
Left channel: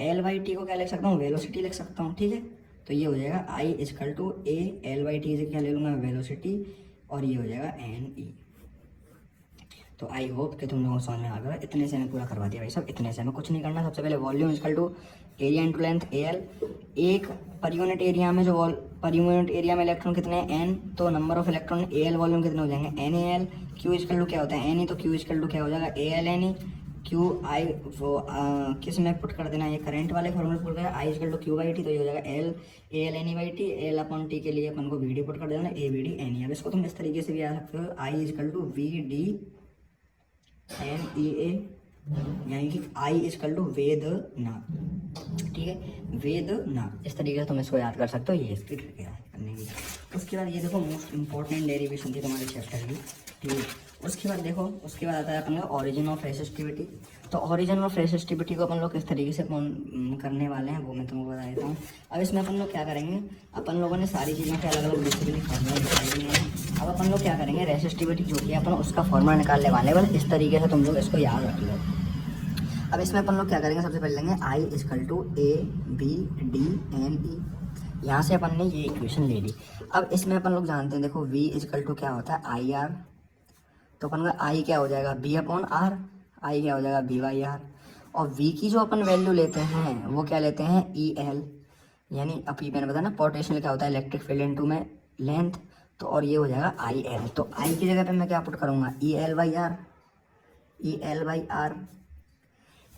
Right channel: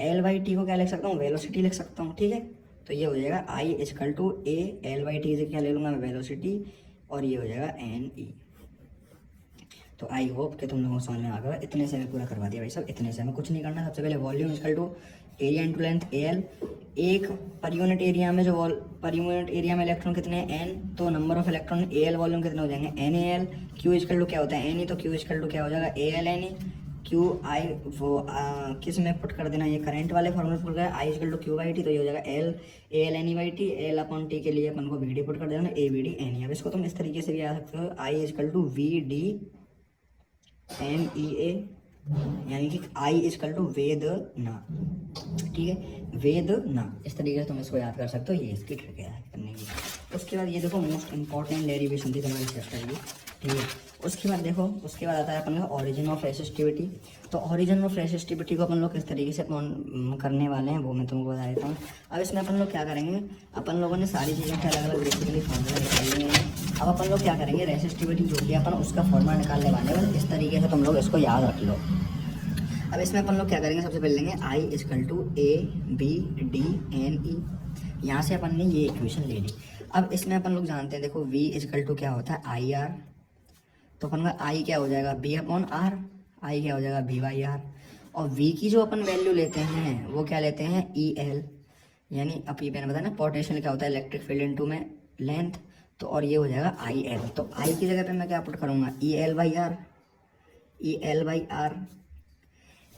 एल बाई टी को क्या लिख सकता हूँ, वेलोसिटी लिख सकता हूँ, ठीक है। तो ये हो जाएगा I is equal to A L by T से क्या ले लूँगा, वेलोसिटी, और ये हो जाएगा एन ई। तो आई होप कि तुम लोगों को समझ में आ गया। इतने से मैं पूरा करवा दिया भाई साहब, इतने से मैं कुछ नहीं करना। सबसे पहले volume equal to area into length A L. एक पर यूनिट एरिया में पर यूनिट एरिया में इलेक्ट्रॉन कितने हैं, एन। तो number of electron A L volume कितने हो जाएंगे, N A L. Q equal to क्या होता है, एन ई। तो क्यू इजकल टू क्या हो जाएगा, A L N E. Q I वो किस में पुट कर देना, ये करंट वाले फॉर्मूले पुट कर, I is equal to Q by T. तो ये हो जाएगा L A L N E by T. L upon T के लिए अपन को वी डी पुट कर देना, A V D N E. अब इसको तुम इस तरीके से भी आ सकते हो, I is equal to V D N E A, यानी कि आई इजकल टू वेद ना, ठीक है, वेद ना। इस तरीके से तुम इसको याद कर सकते हो, ये इसकी ट्रिक है करने की। उसके बाद ये देखो मोस्ट इंपॉर्टेंट डेरिवेशन थी तुम्हारे चैप्टर की, ठीक है। उसके बाद देखो, उसके बाद आता है अपन का ऑरिजिन ऑफ रेसिस्टिविटी। तो ऑरिजिन ऑफ रेसिस्टिविटी को अपन लोग किस तरीके से करने वाले हैं वो मैं तुमको बता देता हूँ। अब इसमें अपन लोग क्या करेंगे, अपन लोगों ने सारी चीज़ों के अलग अलग बेसिकली करनी है। अब अपन लोग क्या करेंगे, रेसिस्टिविटी जो कि अपन उसका फॉर्मूला निकालने वाले, बस इस तरीके से तुम लोग इसको याद रख लो। अब इसमें अपन लोग क्या करेंगे, सबसे पहले लेंगे I is equal to A B D N E. यहाँ से अपन ने ये इक्वेशन ले ली। अब इसमें अपन लोग जानते हैं, देखो v इजकल टू क्या होता है, आई आर। तो अपन का आई क्या हो जाएगा, बी अपॉन आर। आई क्या हो जाएगा, बी बाई आर। और v की जो अपन वैल्यू लेते हैं वो क्या लेते हैं, ई एल। यानी अभी मैंने बताया ना पोटेंशियल क्या होता है, इलेक्ट्रिक फील्ड इनटू में लेंथ। तो और ये हो जाएगा आई एल। तो आई की जगह पे मैं क्या पुट करूँगा, E L by R, E L by R.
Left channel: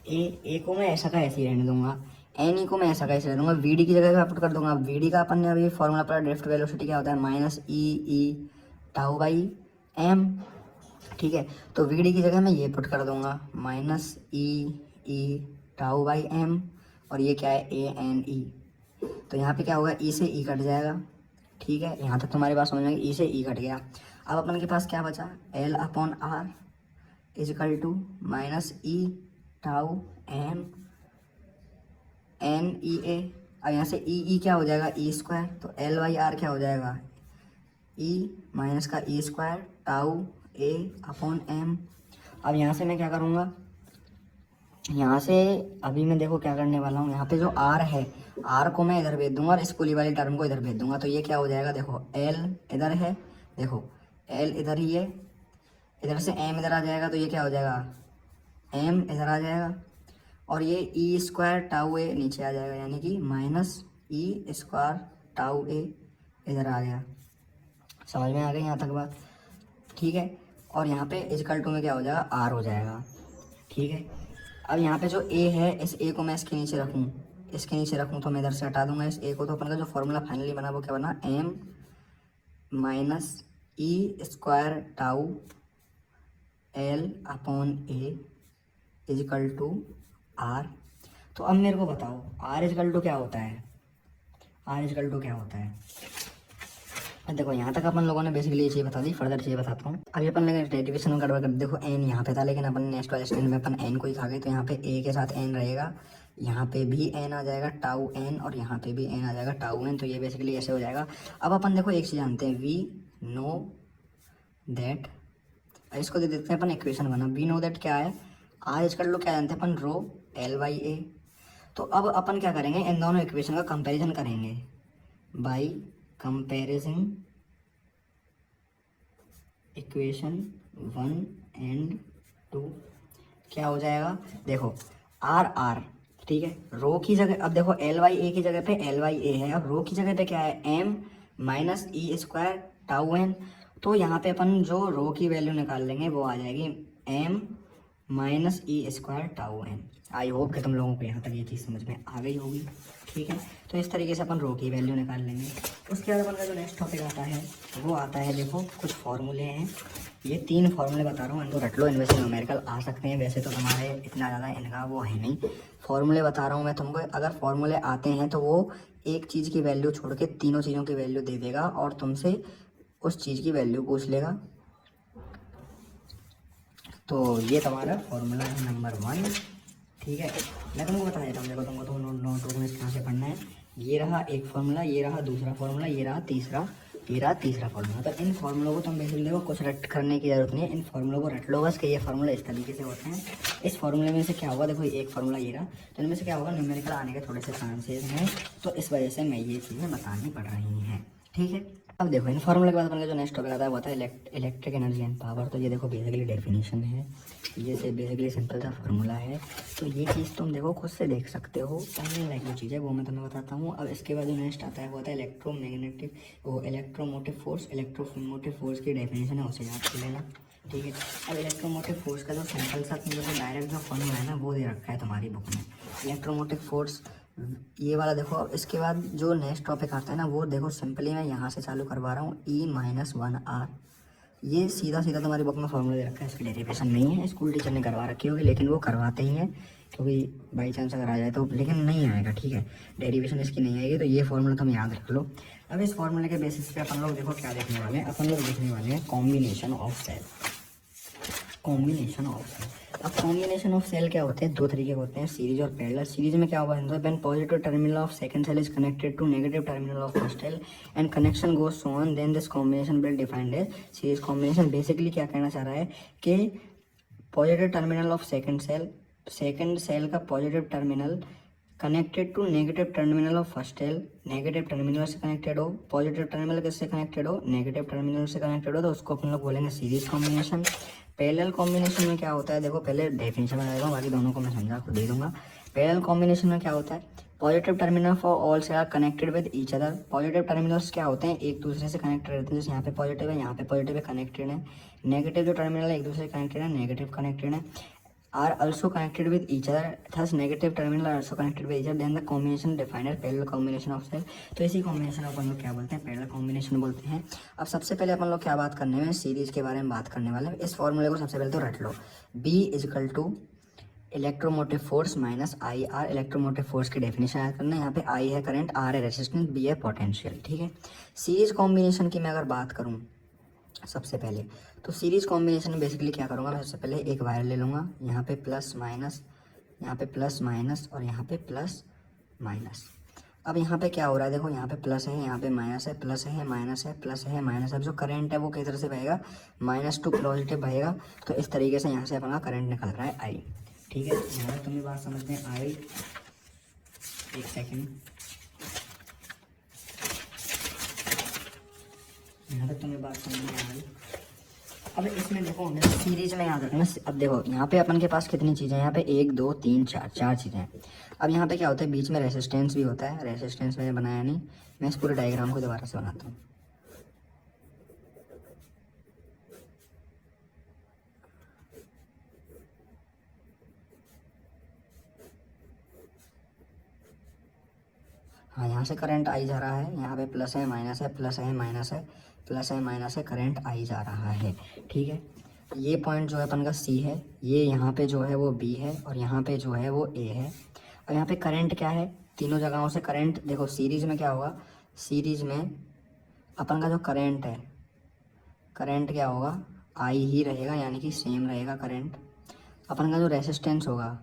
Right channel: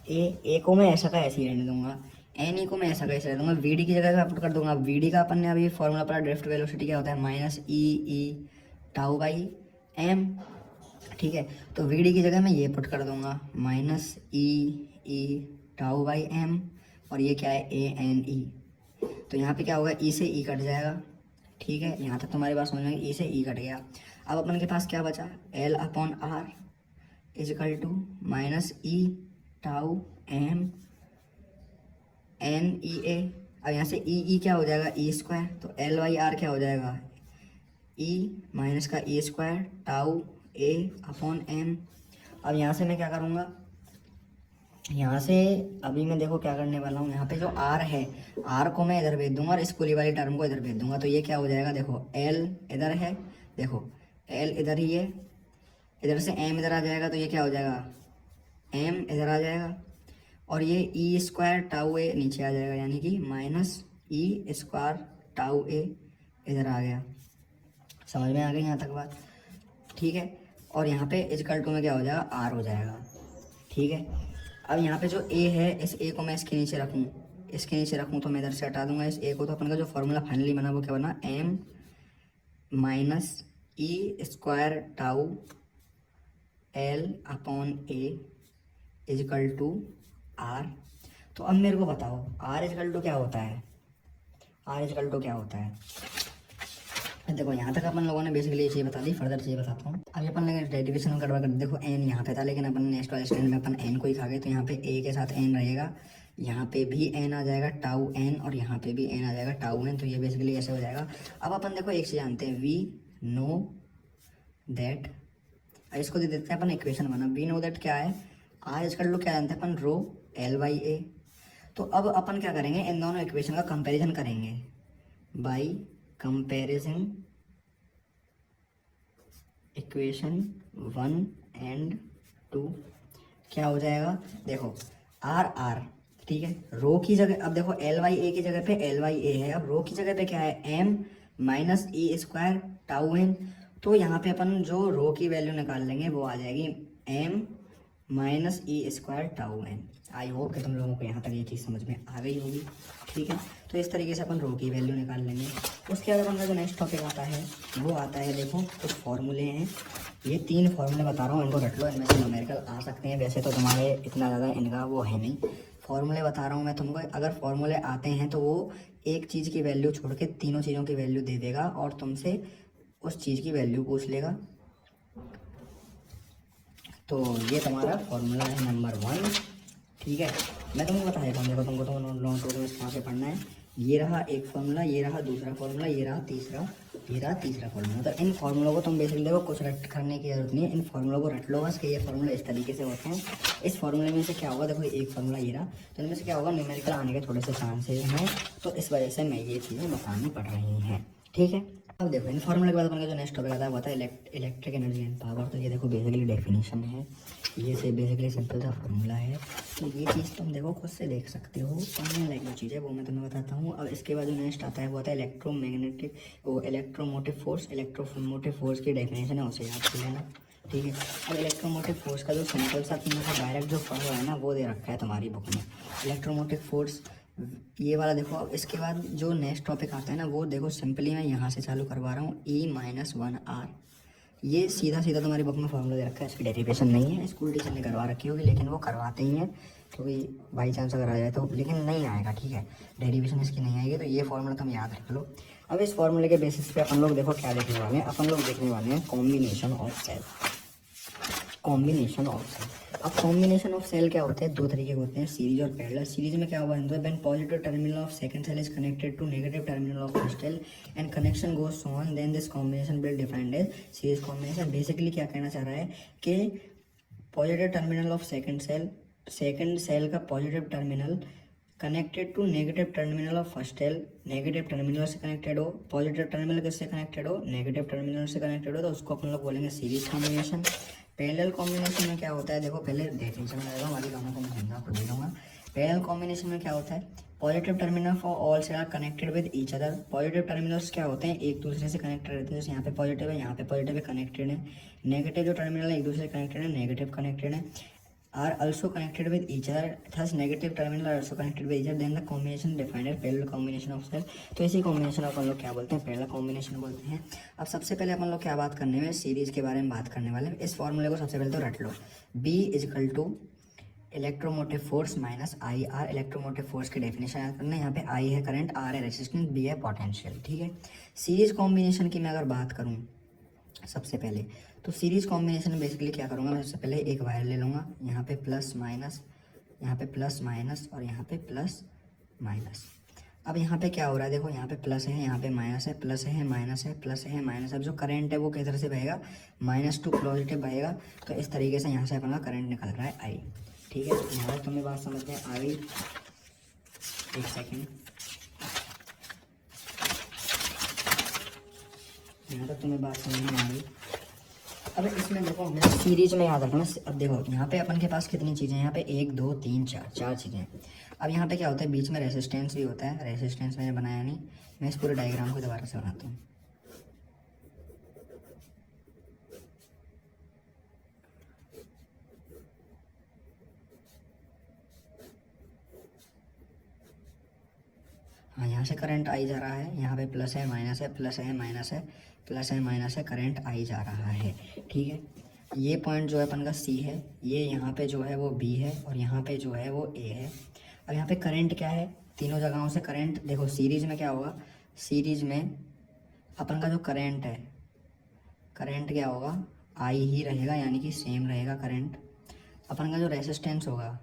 A को मैं ऐसा का ऐसे ही रहने दूंगा, एन ई को मैं ऐसा का ऐसे रहने दूंगा। वी डी की जगह मैं पुट कर दूंगा, वी डी का अपन ने अभी फॉर्मूला पढ़ा, ड्रिफ्ट वेलोसिटी क्या होता है, minus E tau by M, ठीक है। तो वी डी की जगह मैं ये पुट कर दूंगा, minus E tau by M, और ये क्या है, ए एन ई। तो यहाँ पे क्या होगा, ई से ई कट जाएगा, ठीक है। यहाँ तक तुम्हारी बात समझ में, ई से ई कट गया। अब अपन के पास क्या बचा, L upon R is equal to minus E tau M N E A. अब यहाँ से ई क्या हो जाएगा, ई स्क्वायर। तो एल बाई आर क्या हो जाएगा, ई माइनस का E square tau A upon M. अब यहाँ से मैं क्या करूँगा, यहाँ से अभी मैं देखो क्या करने वाला हूँ, यहाँ पे जो आर है, आर को मैं इधर भेज दूंगा और इस पूरी वाली टर्म को इधर भेज दूंगा। तो ये क्या हो जाएगा, देखो एल इधर है, देखो एल इधर ही है, इधर से एम इधर आ जाएगा। तो ये क्या हो जाएगा, एम इधर आ जाएगा, और ये ई स्क्वायर टाउ ए नीचे आ जाएगा, यानी कि माइनस ई स्क्वायर टाउ ए इधर आ गया। समझ में आ गई यहाँ तक बात, ठीक है। और यहाँ पे इजकल टू में क्या हो जाएगा, आर हो जाएगा, ठीक है। अब यहाँ पे जो ए है, इस ए को मैं इसके नीचे रखूँ, इसके नीचे रखूँ तो मैं इधर से हटा दूंगा इस ए को, तो अपन का जो फॉर्मूला फाइनली बना वो क्या बना, M minus E square tau L upon A equal to R. तो अब मेरे को बताओ आर इजकल टू क्या होता है, आर इजकल टू क्या होता है। देखो यहाँ तक अपन लोगों ने बेसिकली ये चीज़ बता दी, फर्दर चीज़ बताता हूँ। अभी अपन लोग डेरिवेशन करवा कर देखो, एन यहाँ पे था लेकिन अपन नेक्स्ट वाले स्टैंड में अपन एन को ही खा गए, तो यहाँ पे ए के साथ एन रहेगा, यहाँ पे भी एन आ जाएगा टाउ एन, और यहाँ पे भी एन आ जाएगा टाउ एन। तो ये बेसिकली ऐसे हो जाएगा। अब अपन देखो एक चीज़ जानते हैं, वी नो दैट, इसको दे देते हैं अपन इक्वेशन बना, वी नो दैट क्या है, आर इजकल टू क्या जानते हैं अपन, रो एल बाई ए। तो अब अपन क्या करेंगे, इन दोनों इक्वेशन का कंपैरिजन करेंगे बाई कंपैरिजन इक्वेशन 1 एंड 2। क्या हो जाएगा, देखो आर आर, ठीक है, रो की जगह, अब देखो एल वाई ए की जगह पे एल वाई ए है, और रो की जगह पे क्या है, M minus E square tau N. तो यहाँ पे अपन जो रो की वैल्यू निकाल लेंगे वो आ जाएगी M minus E square tau N. I hope कि तुम लोगों को यहाँ तक ये चीज़ समझ में आ गई होगी, ठीक है। तो इस तरीके से अपन रो की वैल्यू निकाल लेंगे। उसके बाद अपन का जो नेक्स्ट टॉपिक आता है वो आता है, देखो कुछ फॉर्मूले हैं, ये 3 फॉर्मूले बता रहा हूँ, इनको रट लो, इनमें से न्यूमेरिकल आ सकते हैं, वैसे तो तुम्हारे इतना ज़्यादा इनका वो है नहीं। फॉर्मूले बता रहा हूँ मैं तुमको, अगर फॉर्मूले आते हैं तो वो एक चीज़ की वैल्यू छोड़ के तीनों चीज़ों की वैल्यू दे देगा और तुमसे उस चीज़ की वैल्यू पूछ लेगा। तो ये तुम्हारा फॉर्मूला है नंबर 1, ठीक है। मैं तुमको बता देता हूँ, देखो तुमको तो नोट कहाँ से पढ़ना है। ये रहा एक फॉर्मूला, ये रहा दूसरा फॉर्मूला, ये रहा तीसरा फॉर्मूला। तो इन फॉर्मूलों को तुम बेसिकली देखो कुछ रट करने की जरूरत नहीं है, इन फॉर्मूलों को रट लो बस कि ये फॉर्मूला इस तरीके से होते हैं। इस फॉर्मूले में से क्या होगा, देखो एक फॉर्मूला ये रहा, तो इनमें से क्या होगा, न्यूमेरिकल आने के थोड़े से चांसेस हैं, तो इस वजह से मैं ये चीज़ें बतानी पड़ रही हैं, ठीक है। अब देखो इन फॉर्मूले के बाद अपन का जो नेक्स्ट टॉपिक आता है वो आता है इलेक्ट्रिक एनर्जी एंड पावर। तो ये देखो बेसिकली डेफिनेशन है, ये से बेसिकली सिंपल सा फार्मूला है। तो ये चीज़ तुम देखो खुद से देख सकते हो, पढ़ने लायक जो चीज़ है वो मैं तुम्हें बताता हूँ। अब इसके बाद जो नेक्स्ट आता है वो आता है इलेक्ट्रोमैग्नेटिक वो इलेक्ट्रोमोटिव फोर्स। इलेक्ट्रोमोटिव फोर्स की डेफिनेशन है उसे याद कर लेना, ठीक है। अब इलेक्ट्रोमोटिव फोर्स का जो सिंपल सा तुमको डायरेक्ट जो फॉर्मूला है ना वो दे रखा है तुम्हारी बुक में, इलेक्ट्रोमोटिव फोर्स ये वाला। देखो इसके बाद जो नेक्स्ट टॉपिक आते हैं ना वो देखो सिंपली मैं यहाँ से चालू करवा रहा हूँ, E-1R। ये सीधा सीधा तुम्हारी बुक में फॉर्मूला दे रखा है, इसकी डेरिवेशन नहीं है, स्कूल टीचर ने करवा रखी होगी लेकिन वो करवाते ही हैं क्योंकि बाई चांस अगर आ जाए तो, लेकिन नहीं आएगा, ठीक है, डेरिवेशन इसकी नहीं आएगी। तो ये फॉर्मूला तुम याद रख लो। अब इस फॉर्मूले के बेसिस पे अपन लोग देखो क्या देखने वाले हैं, अपन लोग देखने वाले हैं combination of cell. Combination of cell, अब कॉम्बिनेशन ऑफ सेल क्या होते हैं, दो तरीके के होते हैं, सीरीज और पैरेलल। सीरीज में क्या होगा, when positive terminal of second cell is connected to negative terminal of first cell and connection goes so on, then this combination will defined as series combination. Basically क्या कहना चाह रहा है कि positive terminal of second cell का positive terminal connected to negative terminal of first cell, negative terminal से connected हो, positive terminal किससे कनेक्टेड हो, नेगेटिव टर्मिनल से कनेक्टेड हो, तो उसको अपन लोग बोलेंगे सीरीज कॉम्बिनेशन। पैरेलल कॉम्बिनेशन में क्या होता है, देखो पहले डेफिनेशन बताएगा, बाकी दोनों को मैं समझा को दे दूंगा। पैरेलल कॉम्बिनेशन में क्या होता है, positive terminal for all cell are connected with each other. Positive terminals क्या होते हैं, एक दूसरे से कनेक्टेड रहते हैं, जैसे यहाँ पे पॉजिटिव है, यहाँ पे पॉजिटिव है, कनेक्टेड है। नेगेटिव जो टर्मिनल है एक दूसरे से कनेक्टेड है, नेगेटिव कनेक्टेड है, are also connected with each other, thus negative terminal are also connected with each other, then the combination defined as parallel combination of cell। तो इसी कॉम्बिनेशन अपन लोग क्या बोलते हैं, पैरेलल कॉम्बिनेशन बोलते हैं। अब सबसे पहले अपन लोग क्या बात करने में, सीरीज के बारे में बात करने वाले हैं। इस फॉर्मूले को सबसे पहले तो रट लो, B equal to electromotive force minus I R. Electromotive force की डेफिनेशन याद करना है, यहाँ पे I है करंट, R है रेजिस्टेंस, B है पोटेंशियल, ठीक है। सीरीज कॉम्बिनेशन की मैं अगर बात करूँ सबसे पहले, तो सीरीज कॉम्बिनेशन में बेसिकली क्या करूँगा, मैं सबसे पहले एक वायर ले लूँगा, यहाँ पे प्लस माइनस, यहाँ पे प्लस माइनस और यहाँ पे प्लस माइनस। अब यहाँ पे क्या हो रहा है, देखो यहाँ पे प्लस है, यहाँ पे माइनस है, प्लस है माइनस है, प्लस है माइनस है। अब जो करंट है वो किस तरह से बहेगा, माइनस टू पॉजिटिव बहेगा। तो इस तरीके से यहाँ से अपना करंट निकल रहा है I, ठीक है। यहाँ तक तुम्हें बात समझ में आई, एक सेकेंड, यहाँ तक तुम्हें बात समझ में आ गई। अब इसमें देखो हमें सीरीज में याद रखना। अब देखो यहाँ पे अपन के पास कितनी चीज़ें हैं, यहाँ पे 1 2 3 4 चार चीज़ें हैं। अब यहाँ पे क्या होता है, बीच में रेसिस्टेंस भी होता है, रेसिस्टेंस मैंने बनाया नहीं, मैं इस पूरे डायग्राम को दोबारा से बनाता हूँ। यहाँ से करंट आई जा रहा है, यहाँ पे प्लस है माइनस है, प्लस है माइनस है, प्लस है माइनस है, करंट आई जा रहा है। ठीक है, ये पॉइंट जो है अपन का सी है, ये यहाँ पे जो है वो बी है, और यहाँ पे जो है वो ए है। और यहाँ पे करंट क्या है, तीनों जगहों से करंट देखो, सीरीज में क्या होगा, सीरीज में अपन का जो करंट है, करंट क्या होगा, आई ही रहेगा, यानी कि सेम रहेगा करंट। अपन का जो रेसिस्टेंस होगा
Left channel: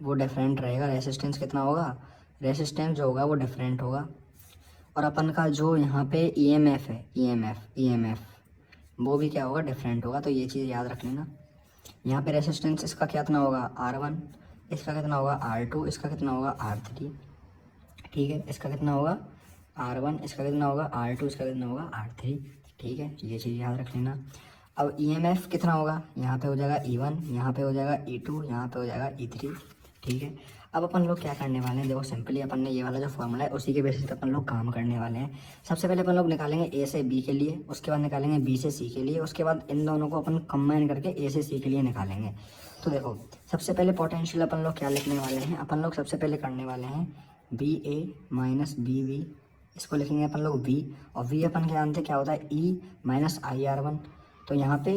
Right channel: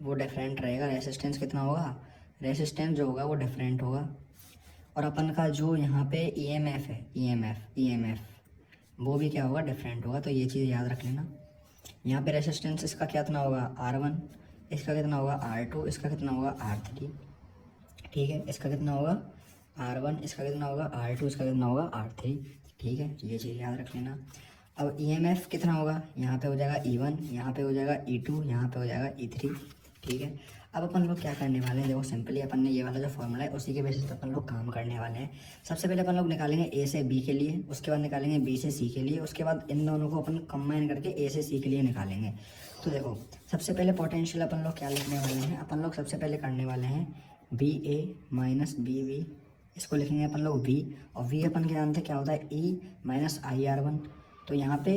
वो डिफरेंट रहेगा। रेसिस्टेंस कितना होगा, रेसिस्टेंस जो होगा वो डिफरेंट होगा। और अपन का जो यहाँ पे ईएमएफ है, ईएमएफ वो भी क्या होगा, डिफरेंट होगा। तो ये चीज़ याद रख लेना। यहाँ पे रेसिस्टेंस इसका कितना होगा, R1, इसका कितना होगा R2, इसका कितना होगा R3। ठीक है, इसका कितना होगा R1, इसका कितना होगा R2, इसका कितना होगा R3। ठीक है, ये चीज़ याद रख लेना। अब ईएमएफ कितना होगा, यहाँ पे हो जाएगा E1, यहाँ पे हो जाएगा E2, यहाँ पे हो जाएगा E3। ठीक है, अब अपन लोग क्या करने वाले हैं, देखो सिंपली अपन ने ये वाला जो फॉर्मूला है उसी के बेसिस पे अपन लोग काम करने वाले हैं। सबसे पहले अपन लोग निकालेंगे ए से बी के लिए, उसके बाद निकालेंगे बी से सी के लिए, उसके बाद इन दोनों को अपन कंबाइन करके ए से सी के लिए निकालेंगे। तो देखो सबसे पहले पोटेंशियल अपन लोग क्या लिखने वाले हैं, अपन लोग सबसे पहले करने वाले हैं B A minus B V, इसको लिखेंगे अपन लोग वी, और वी अपन के जानते क्या होता है, ई माइनस आई आर वन। तो यहाँ पे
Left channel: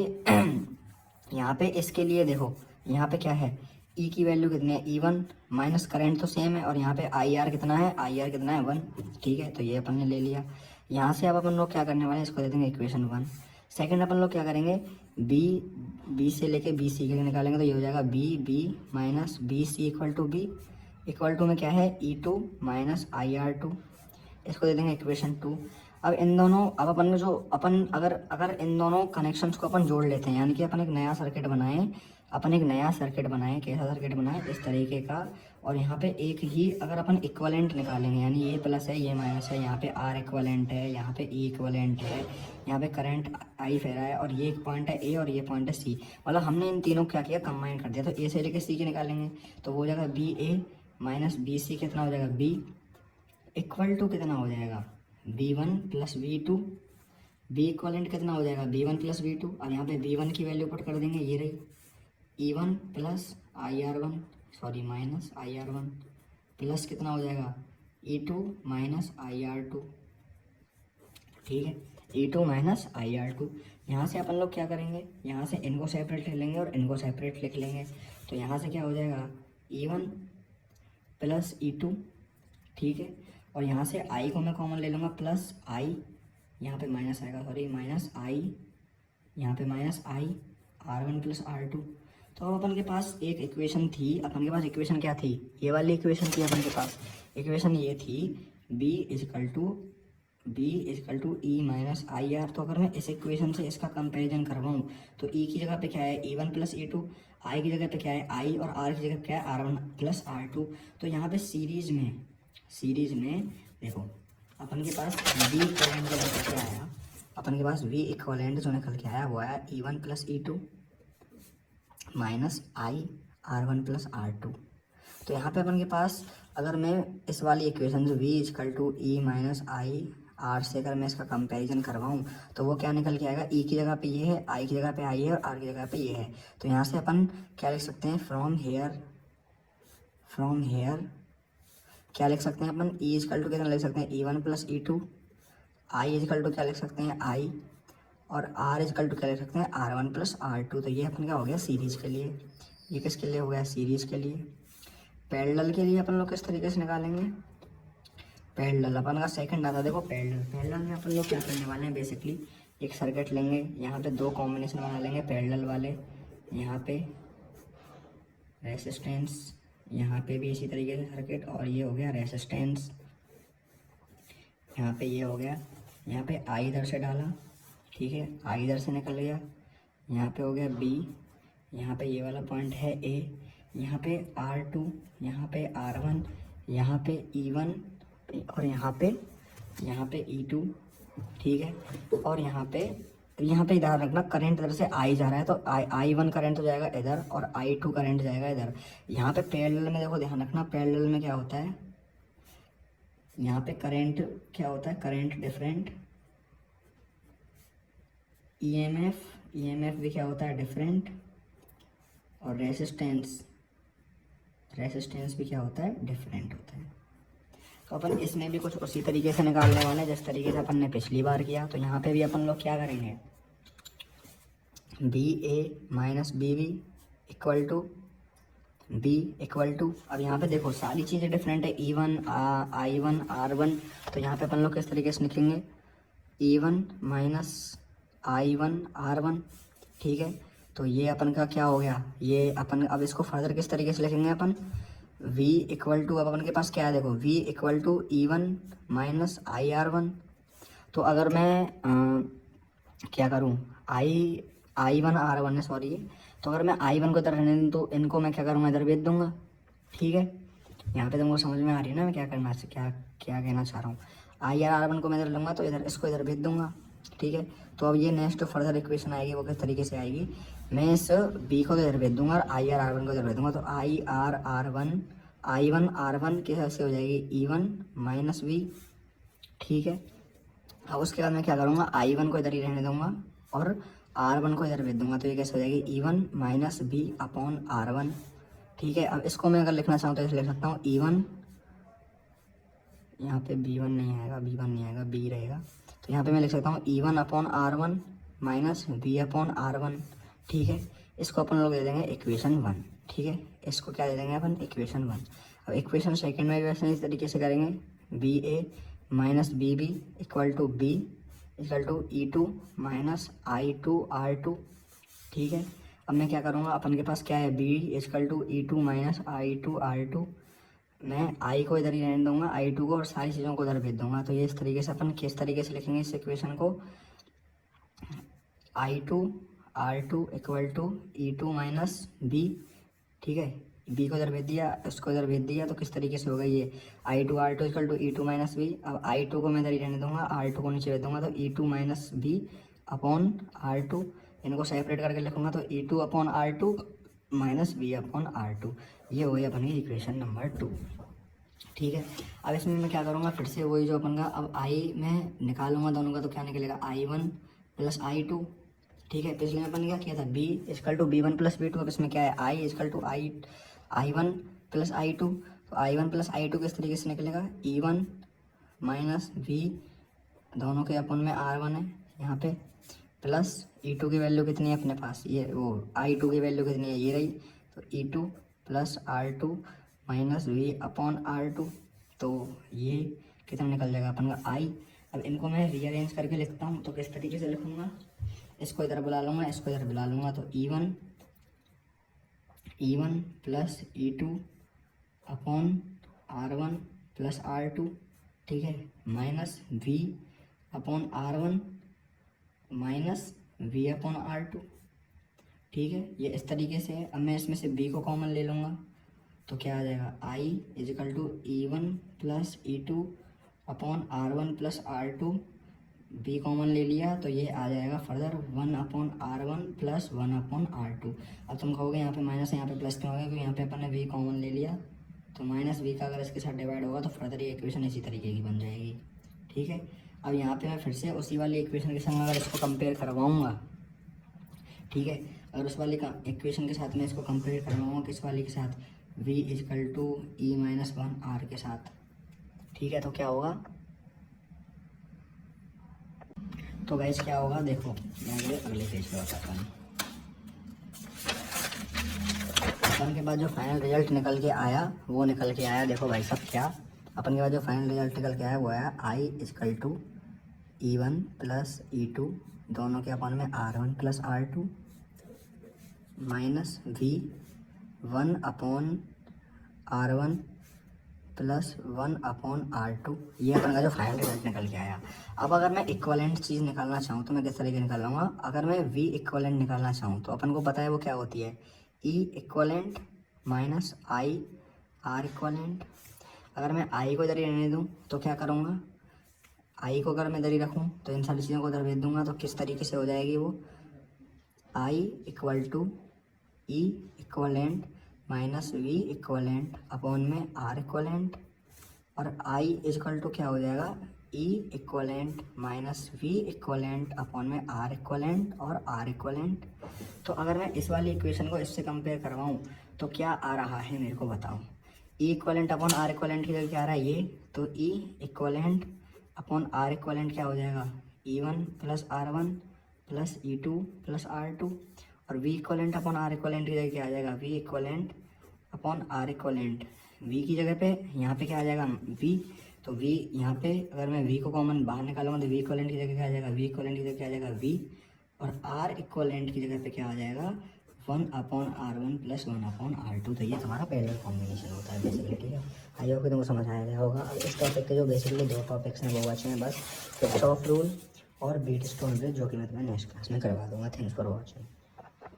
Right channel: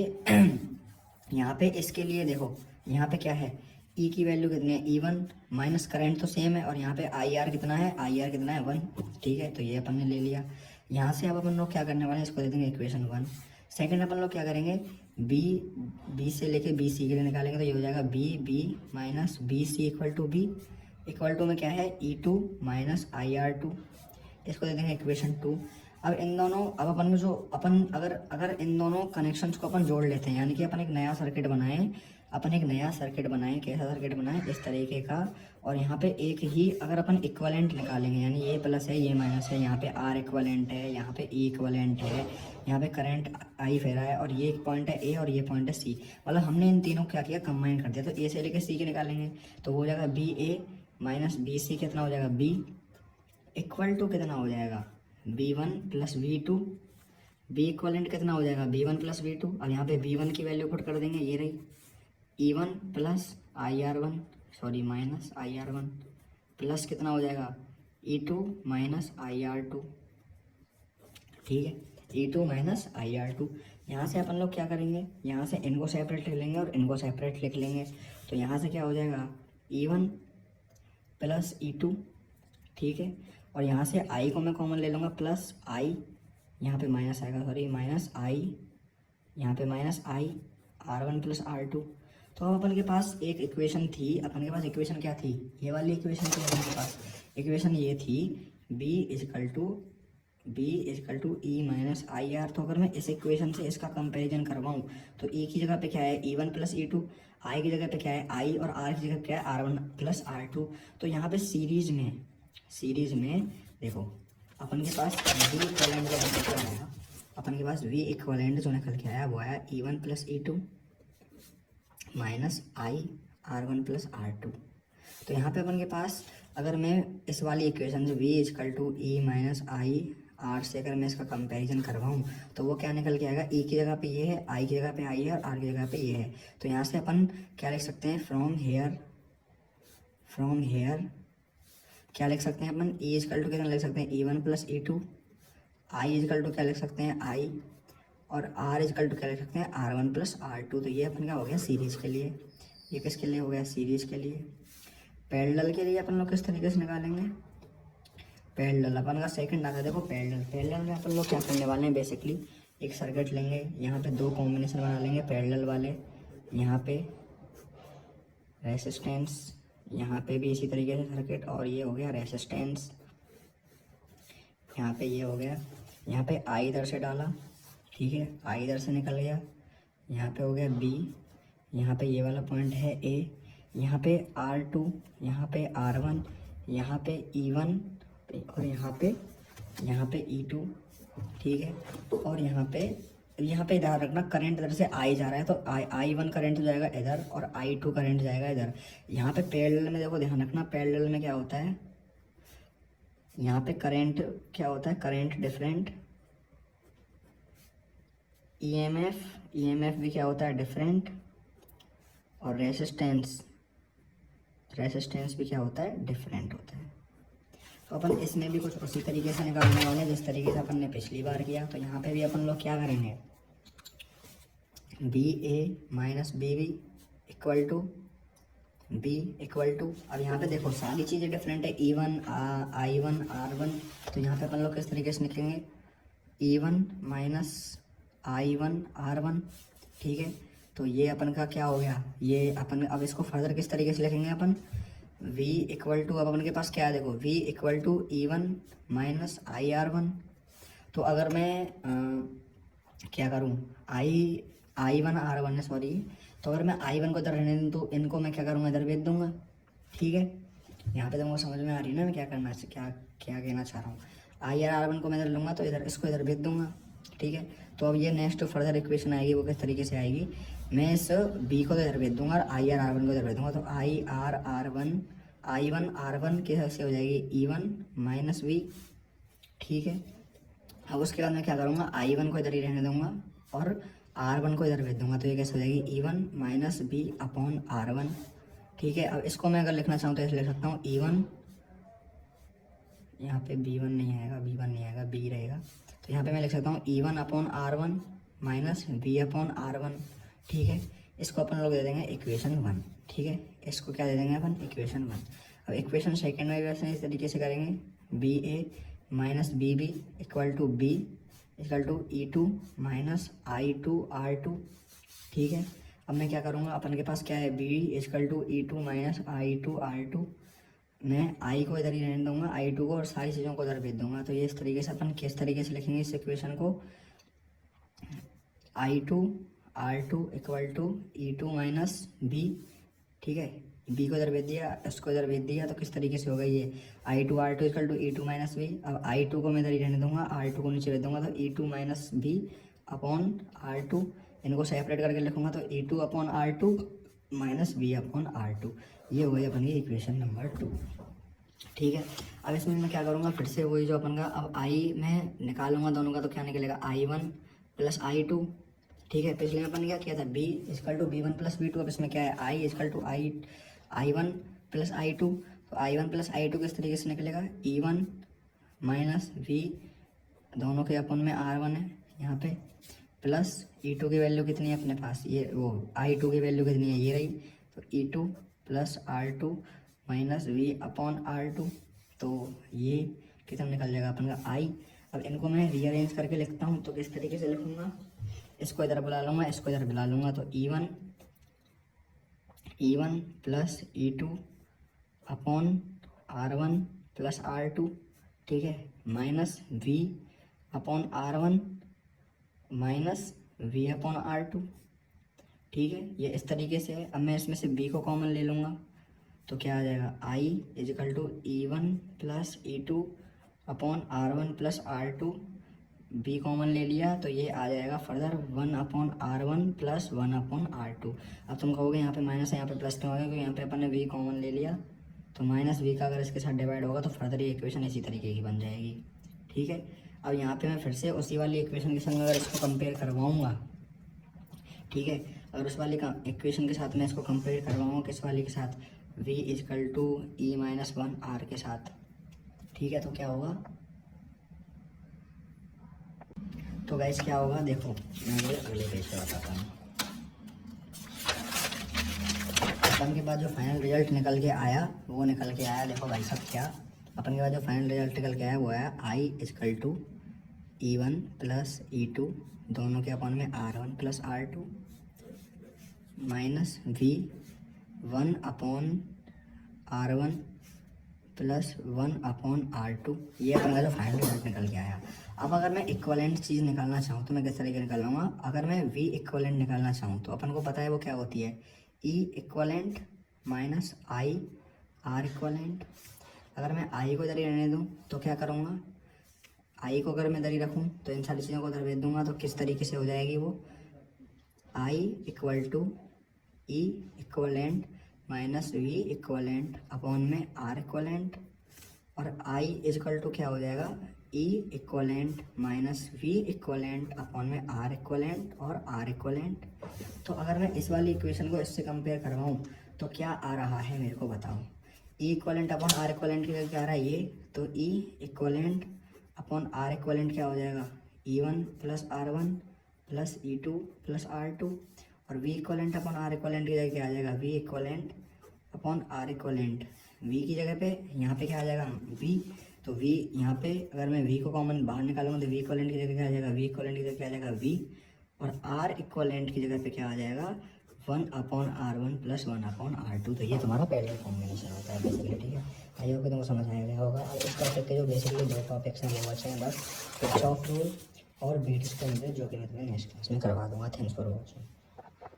यहाँ पे इसके लिए देखो, यहाँ पे क्या है, ई की वैल्यू कितनी है, E1 माइनस करंट तो सेम है, और यहाँ पे आई आर कितना है, आई आर कितना है 1। ठीक है, तो ये अपन ने ले लिया। यहाँ से अब अपन लोग क्या करने वाले हैं, इसको दे देंगे इक्वेशन 1। सेकंड अपन लोग क्या करेंगे, बी से लेके बी सी के लिए निकालेंगे। तो ये हो जाएगा B minus B C equal to में क्या है, E2 माइनस आई आर 2, इसको दे देंगे इक्वेशन 2। अब इन दोनों, अब अपन जो अपन अगर इन दोनों कनेक्शंस को अपन जोड़ लेते हैं, यानी कि अपन एक नया सर्किट बनाएं, कैसा सर्किट बनाएं, इस तरीके का। और यहाँ पे एक ही अगर अपन इक्वलेंट निकालेंगे, यानी ये प्लस है ये माइनस है, यहाँ पे आर इक्वलेंट है, यहाँ पे ई इक्वलेंट है, यहाँ पे करंट आई फेरा है, और ये एक पॉइंट है ए और ये पॉइंट है सी, मतलब हमने इन तीनों को क्या किया, कंबाइन कर दिया। तो ए से लेके सी के निकालेंगे, तो हो जाएगा बी ए माइनस बी सी, कितना हो जाएगा बी इक्वल टू कितना हो जाएगा, B1 plus V2, B equivalent कितना हो जाएगा, B1 प्लस V2, और यहाँ पे B1 की वैल्यू पुट कर देंगे, ये रही E1 plus IR1, sorry minus IR1, plus कितना हो जाएगा E2 माइनस IR2। ठीक है, E2 माइनस IR2। यहाँ से अपन लोग क्या करेंगे, यहाँ से इनको सेपरेट लिख लेंगे और इनको सेपरेट लिख लेंगे। तो यहाँ से क्या हो जाएगा, E1 प्लस E2। ठीक है, और यहाँ से आई को मैं कॉमन ले लूँगा, प्लस आई, यहाँ पे माइनस आएगा, सॉरी माइनस आई, यहाँ पे माइनस आई R1 प्लस R2। तो अब अपन के पास एक इक्वेशन थी, अपन के पास इक्वेशन क्या थी, ये वाली इक्वेशन थी अपन के पास। इक्वेशन ये थी B equal to E minus I R. तो अगर मैं इस इक्वेशन से इसका कंपैरिजन करवाऊँ तो ई की जगह पे क्या है E1 प्लस E2, आई की जगह पे क्या है आई, और आर की जगह क्या है R1 प्लस R2। तो यहाँ पे सीरीज में देखो अपन के पास वी इक्वलेंट जो कितना आया, अपन के पास वी इक्वलेंट जो निकल के आया वो आया E1 प्लस E2 माइनस आई R1 प्लस R2। तो यहाँ पे अपन के पास अगर मैं इस वाली इक्वेशन से v equal to E minus I R से अगर मैं इसका कंपैरिजन करवाऊँ तो वो क्या निकल के आएगा, ई की जगह पे ये है, आई की जगह पे आई है, और आर की जगह पे ये है। तो यहाँ से अपन क्या लिख सकते हैं, फ्रॉम हेयर क्या लिख सकते हैं अपन, ई इजकल टू कितना लिख सकते हैं, E1 plus E2, I is equal to क्या लिख सकते हैं आई, और आर इजकल टू क्या लिख सकते हैं R1 प्लस R2। तो ये अपन क्या हो गया सीरीज के लिए, ये किसके लिए हो गया, सीरीज के लिए। पैरेलल के लिए अपन लोग किस तरीके से निकालेंगे, पैरेलल अपन का सेकंड आता है, देखो पैरेलल में अपन लोग क्या करने वाले हैं, बेसिकली एक सर्किट लेंगे, यहाँ पे दो कॉम्बिनेशन बना लेंगे पैरेलल वाले, यहाँ पे रेसिस्टेंस, यहाँ पे भी इसी तरीके से सर्किट, और ये हो गया रेसिस्टेंस, यहाँ पे ये हो गया, यहाँ पे आई इधर से डाला, ठीक है आई इधर से निकल गया, यहाँ पे हो गया बी, यहाँ पे ये वाला पॉइंट है ए, यहाँ पे R2, यहाँ पे R1, यहाँ पे E1, और यहाँ पे E2। ठीक है, और यहाँ पे ध्यान रखना करंट इधर से आई जा रहा है, तो I1 करंट हो जाएगा इधर, और I2 करंट जाएगा इधर। यहाँ पे पैरेलल में देखो ध्यान रखना, पैरेलल में क्या होता है, यहाँ पे करंट क्या होता है, करंट डिफरेंट, ईएमएफ भी क्या होता है डिफरेंट, और रेसिस्टेंस भी क्या होता है डिफरेंट होता है। तो अपन इसमें भी कुछ उसी तरीके से निकालने वाले हैं जिस तरीके से अपन ने पिछली बार किया। तो यहाँ पे भी अपन लोग क्या करेंगे, B A minus B B equal to B equal to, अब यहाँ पे देखो सारी चीज़ें डिफरेंट है, E1 I1 R1। तो यहाँ पे अपन लोग किस तरीके से लिखेंगे, E1 माइनस I1 R1, ठीक है। तो ये अपन का क्या हो गया, ये अपन अब इसको फर्दर किस तरीके से लिखेंगे अपन, V इक्वल टू, अब अपन के पास क्या है देखो, V equal to E1 minus IR1। तो अगर मैं क्या करूँ, I1 R1 है सॉरी, तो अगर मैं I1 को इधर रहने दूँ तो इनको मैं क्या करूँगा, इधर भेज दूँगा, ठीक है। यहाँ पे तुमको समझ में आ रही है ना मैं क्या करना क्या क्या कहना चाह रहा हूँ। IR1 को मैं इधर लूँगा तो इधर इसको इधर भेज दूँगा, ठीक है। तो अब ये नेक्स्ट फर्दर इक्वेशन आएगी, वो किस तरीके से आएगी, मैं इस B को तो इधर भेज दूँगा और IR1 को इधर भेज दूँगा। तो I1 R1 के हिसाब से हो जाएगी E1 माइनस V, ठीक है। अब उसके बाद मैं क्या करूँगा, I1 को इधर ही रहने दूँगा और R1 को इधर भेज दूँगा। तो ये कैसे हो जाएगी, E1 minus B upon R1, ठीक है। अब इसको मैं अगर लिखना चाहूँ तो ऐसे लिख सकता हूँ, E1, यहाँ पे B1 नहीं आएगा, B1 नहीं आएगा, B रहेगा। तो यहाँ पे मैं लिख सकता हूँ E1 upon R1 minus B upon R1, ठीक है। इसको अपन लोग दे देंगे इक्वेशन 1, ठीक है। इसको क्या दे देंगे अपन, इक्वेशन 1। अब इक्वेशन सेकेंड में भी वैसे इस तरीके से करेंगे, B A minus B B equal to B equal to E2 minus I2 R2, ठीक है। अब मैं क्या करूँगा, अपन के पास क्या है, B equal to E2 minus I2 R2, मैं I को इधर ही रहने दूँगा, I2 को, और सारी चीज़ों को इधर भेज दूँगा। तो ये इस तरीके से अपन किस तरीके से लिखेंगे इस इक्वेशन को, I2 R2 equal to E2 minus B, ठीक है। B को इधर भेज दिया, उसको इधर भेज दिया, तो किस तरीके से होगा ये, I2 R2 equal to E2 minus B। अब I2 को मैं इधर ही रहने दूँगा, R2 को नीचे भेज दूँगा, तो E2 minus B upon R2, इनको सेपरेट करके लिखूँगा तो E2 upon R2 minus B upon R2, ये हो गई अपन की इक्वेशन नंबर 2, ठीक है। अब इसमें मैं क्या करूँगा, फिर से वही जो अपन का, अब I में निकालूंगा दोनों का, तो क्या निकलेगा, I1 प्लस I2, ठीक है। पिछले में अपन क्या किया था, B equal to B1 plus B2, अब इसमें क्या है, I equal to I1 plus I2। तो I1 प्लस I2 किस तरीके से निकलेगा, E1 माइनस V, दोनों के अपन में R1 है यहाँ पे, प्लस E2 की वैल्यू कितनी है अपने पास, ये वो I2 की वैल्यू कितनी है, ये रही। तो E2 plus R2 minus V upon R2, तो ये कितना निकल जाएगा अपन का I। अब इनको मैं रीअरेंज करके लिखता हूँ, तो किस तरीके से लिखूँगा, इसको इधर बुला लूँगा, इसको इधर बुला लूँगा, तो E1 plus E2 upon R1 plus R2, ठीक है, minus V upon R1 minus V upon R2, ठीक है। ये इस तरीके से है। अब मैं इसमें से B को कॉमन ले लूँगा, तो क्या आ जाएगा, I equal to E1 plus E2 upon R1 plus R2, B common ले लिया तो ये आ जाएगा further 1 upon R1 plus 1 upon R2। अब तुम कहोगे यहाँ पे माइनस है यहाँ पे प्लस क्यों होगा, तो यहाँ पे अपन ने V कॉमन ले लिया, तो माइनस V का अगर इसके साथ डिवाइड होगा तो फर्दर ये इक्वेशन इसी तरीके की बन जाएगी, ठीक है। अब यहाँ पे मैं फिर से उसी वाली इक्वेशन के संग अगर इसको कंपेयर करवाऊँगा, ठीक है, और उस वाली इक्वेशन के साथ मैं इसको कंपेयर करवाऊँगा किस वाली के साथ, V equal to E minus 1 R के साथ, ठीक है। तो क्या होगा, तो गाइस क्या होगा, देखो मैं अगले पेज पे बताता हूँ। अपन के पास जो फाइनल रिजल्ट निकल के आया वो निकल के आया, देखो भाई सब क्या, अपन के पास जो फाइनल रिजल्ट निकल के आया वो आया I is equal to E1 plus E2 दोनों के अपन में R1 plus R2 minus V 1 upon R1 plus 1 upon R2, ये अपन का जो फाइनल रिजल्ट निकल के आया। अब अगर मैं इक्वलेंट चीज़ निकालना चाहूँ तो मैं किस तरीके निकाल लूँगा, अगर मैं V इक्वलेंट निकालना चाहूँ तो अपन को पता है वो क्या होती है, E equivalent minus I R equivalent. अगर मैं I को इधर ही रहने दूँ तो क्या करूँगा, I को अगर मैं इधर ही रखूँ तो इन सारी चीज़ों को इधर भेज दूँगा, तो किस तरीके से हो जाएगी वो, I equal to E equivalent minus V equivalent upon में R इक्वलेंट, और I इजकल टू क्या हो जाएगा, E equivalent minus V equivalent upon में R इक्वलेंट और R इक्वलेंट। तो अगर मैं इस वाली इक्वेशन को इससे कंपेयर करवाऊँ तो क्या आ रहा है मेरे को बताओ, ई इक्वलेंट अपॉन आर इक्वलेंट की जगह क्या आ रहा है ये, तो ई इक्वलेंट अपॉन आर इक्वलेंट क्या हो जाएगा, E1 plus R1 plus E2 plus R2, और V equivalent upon R equivalent की जगह क्या आ जाएगा, V equivalent upon R equivalent, V की जगह पे यहाँ पे क्या आ जाएगा वी, तो वी यहाँ पे अगर मैं वी को कॉमन बाहर निकालूंगा तो वी इक्वलेंट की जगह क्या आ जाएगा, वी इक्वलेंट की जगह क्या आ जाएगा वी, और आर इक्वलेंट की जगह पे क्या आ जाएगा 1/R1 प्लस 1/R2। तो ये तुम्हारा पैरेलल कॉम्बिनेशन होता है बेसिकली, ठीक है। आई होप कि तुमको समझ आया गया होगा। अब इस टॉपिक के जो बेसिकली दो टॉपिक्स हैं वो बचे हैं बस, किरचॉफ रूल और बीट स्टोन जो कि मैं तुम्हें नेक्स्ट क्लास में करवा दूंगा। Thanks for watching.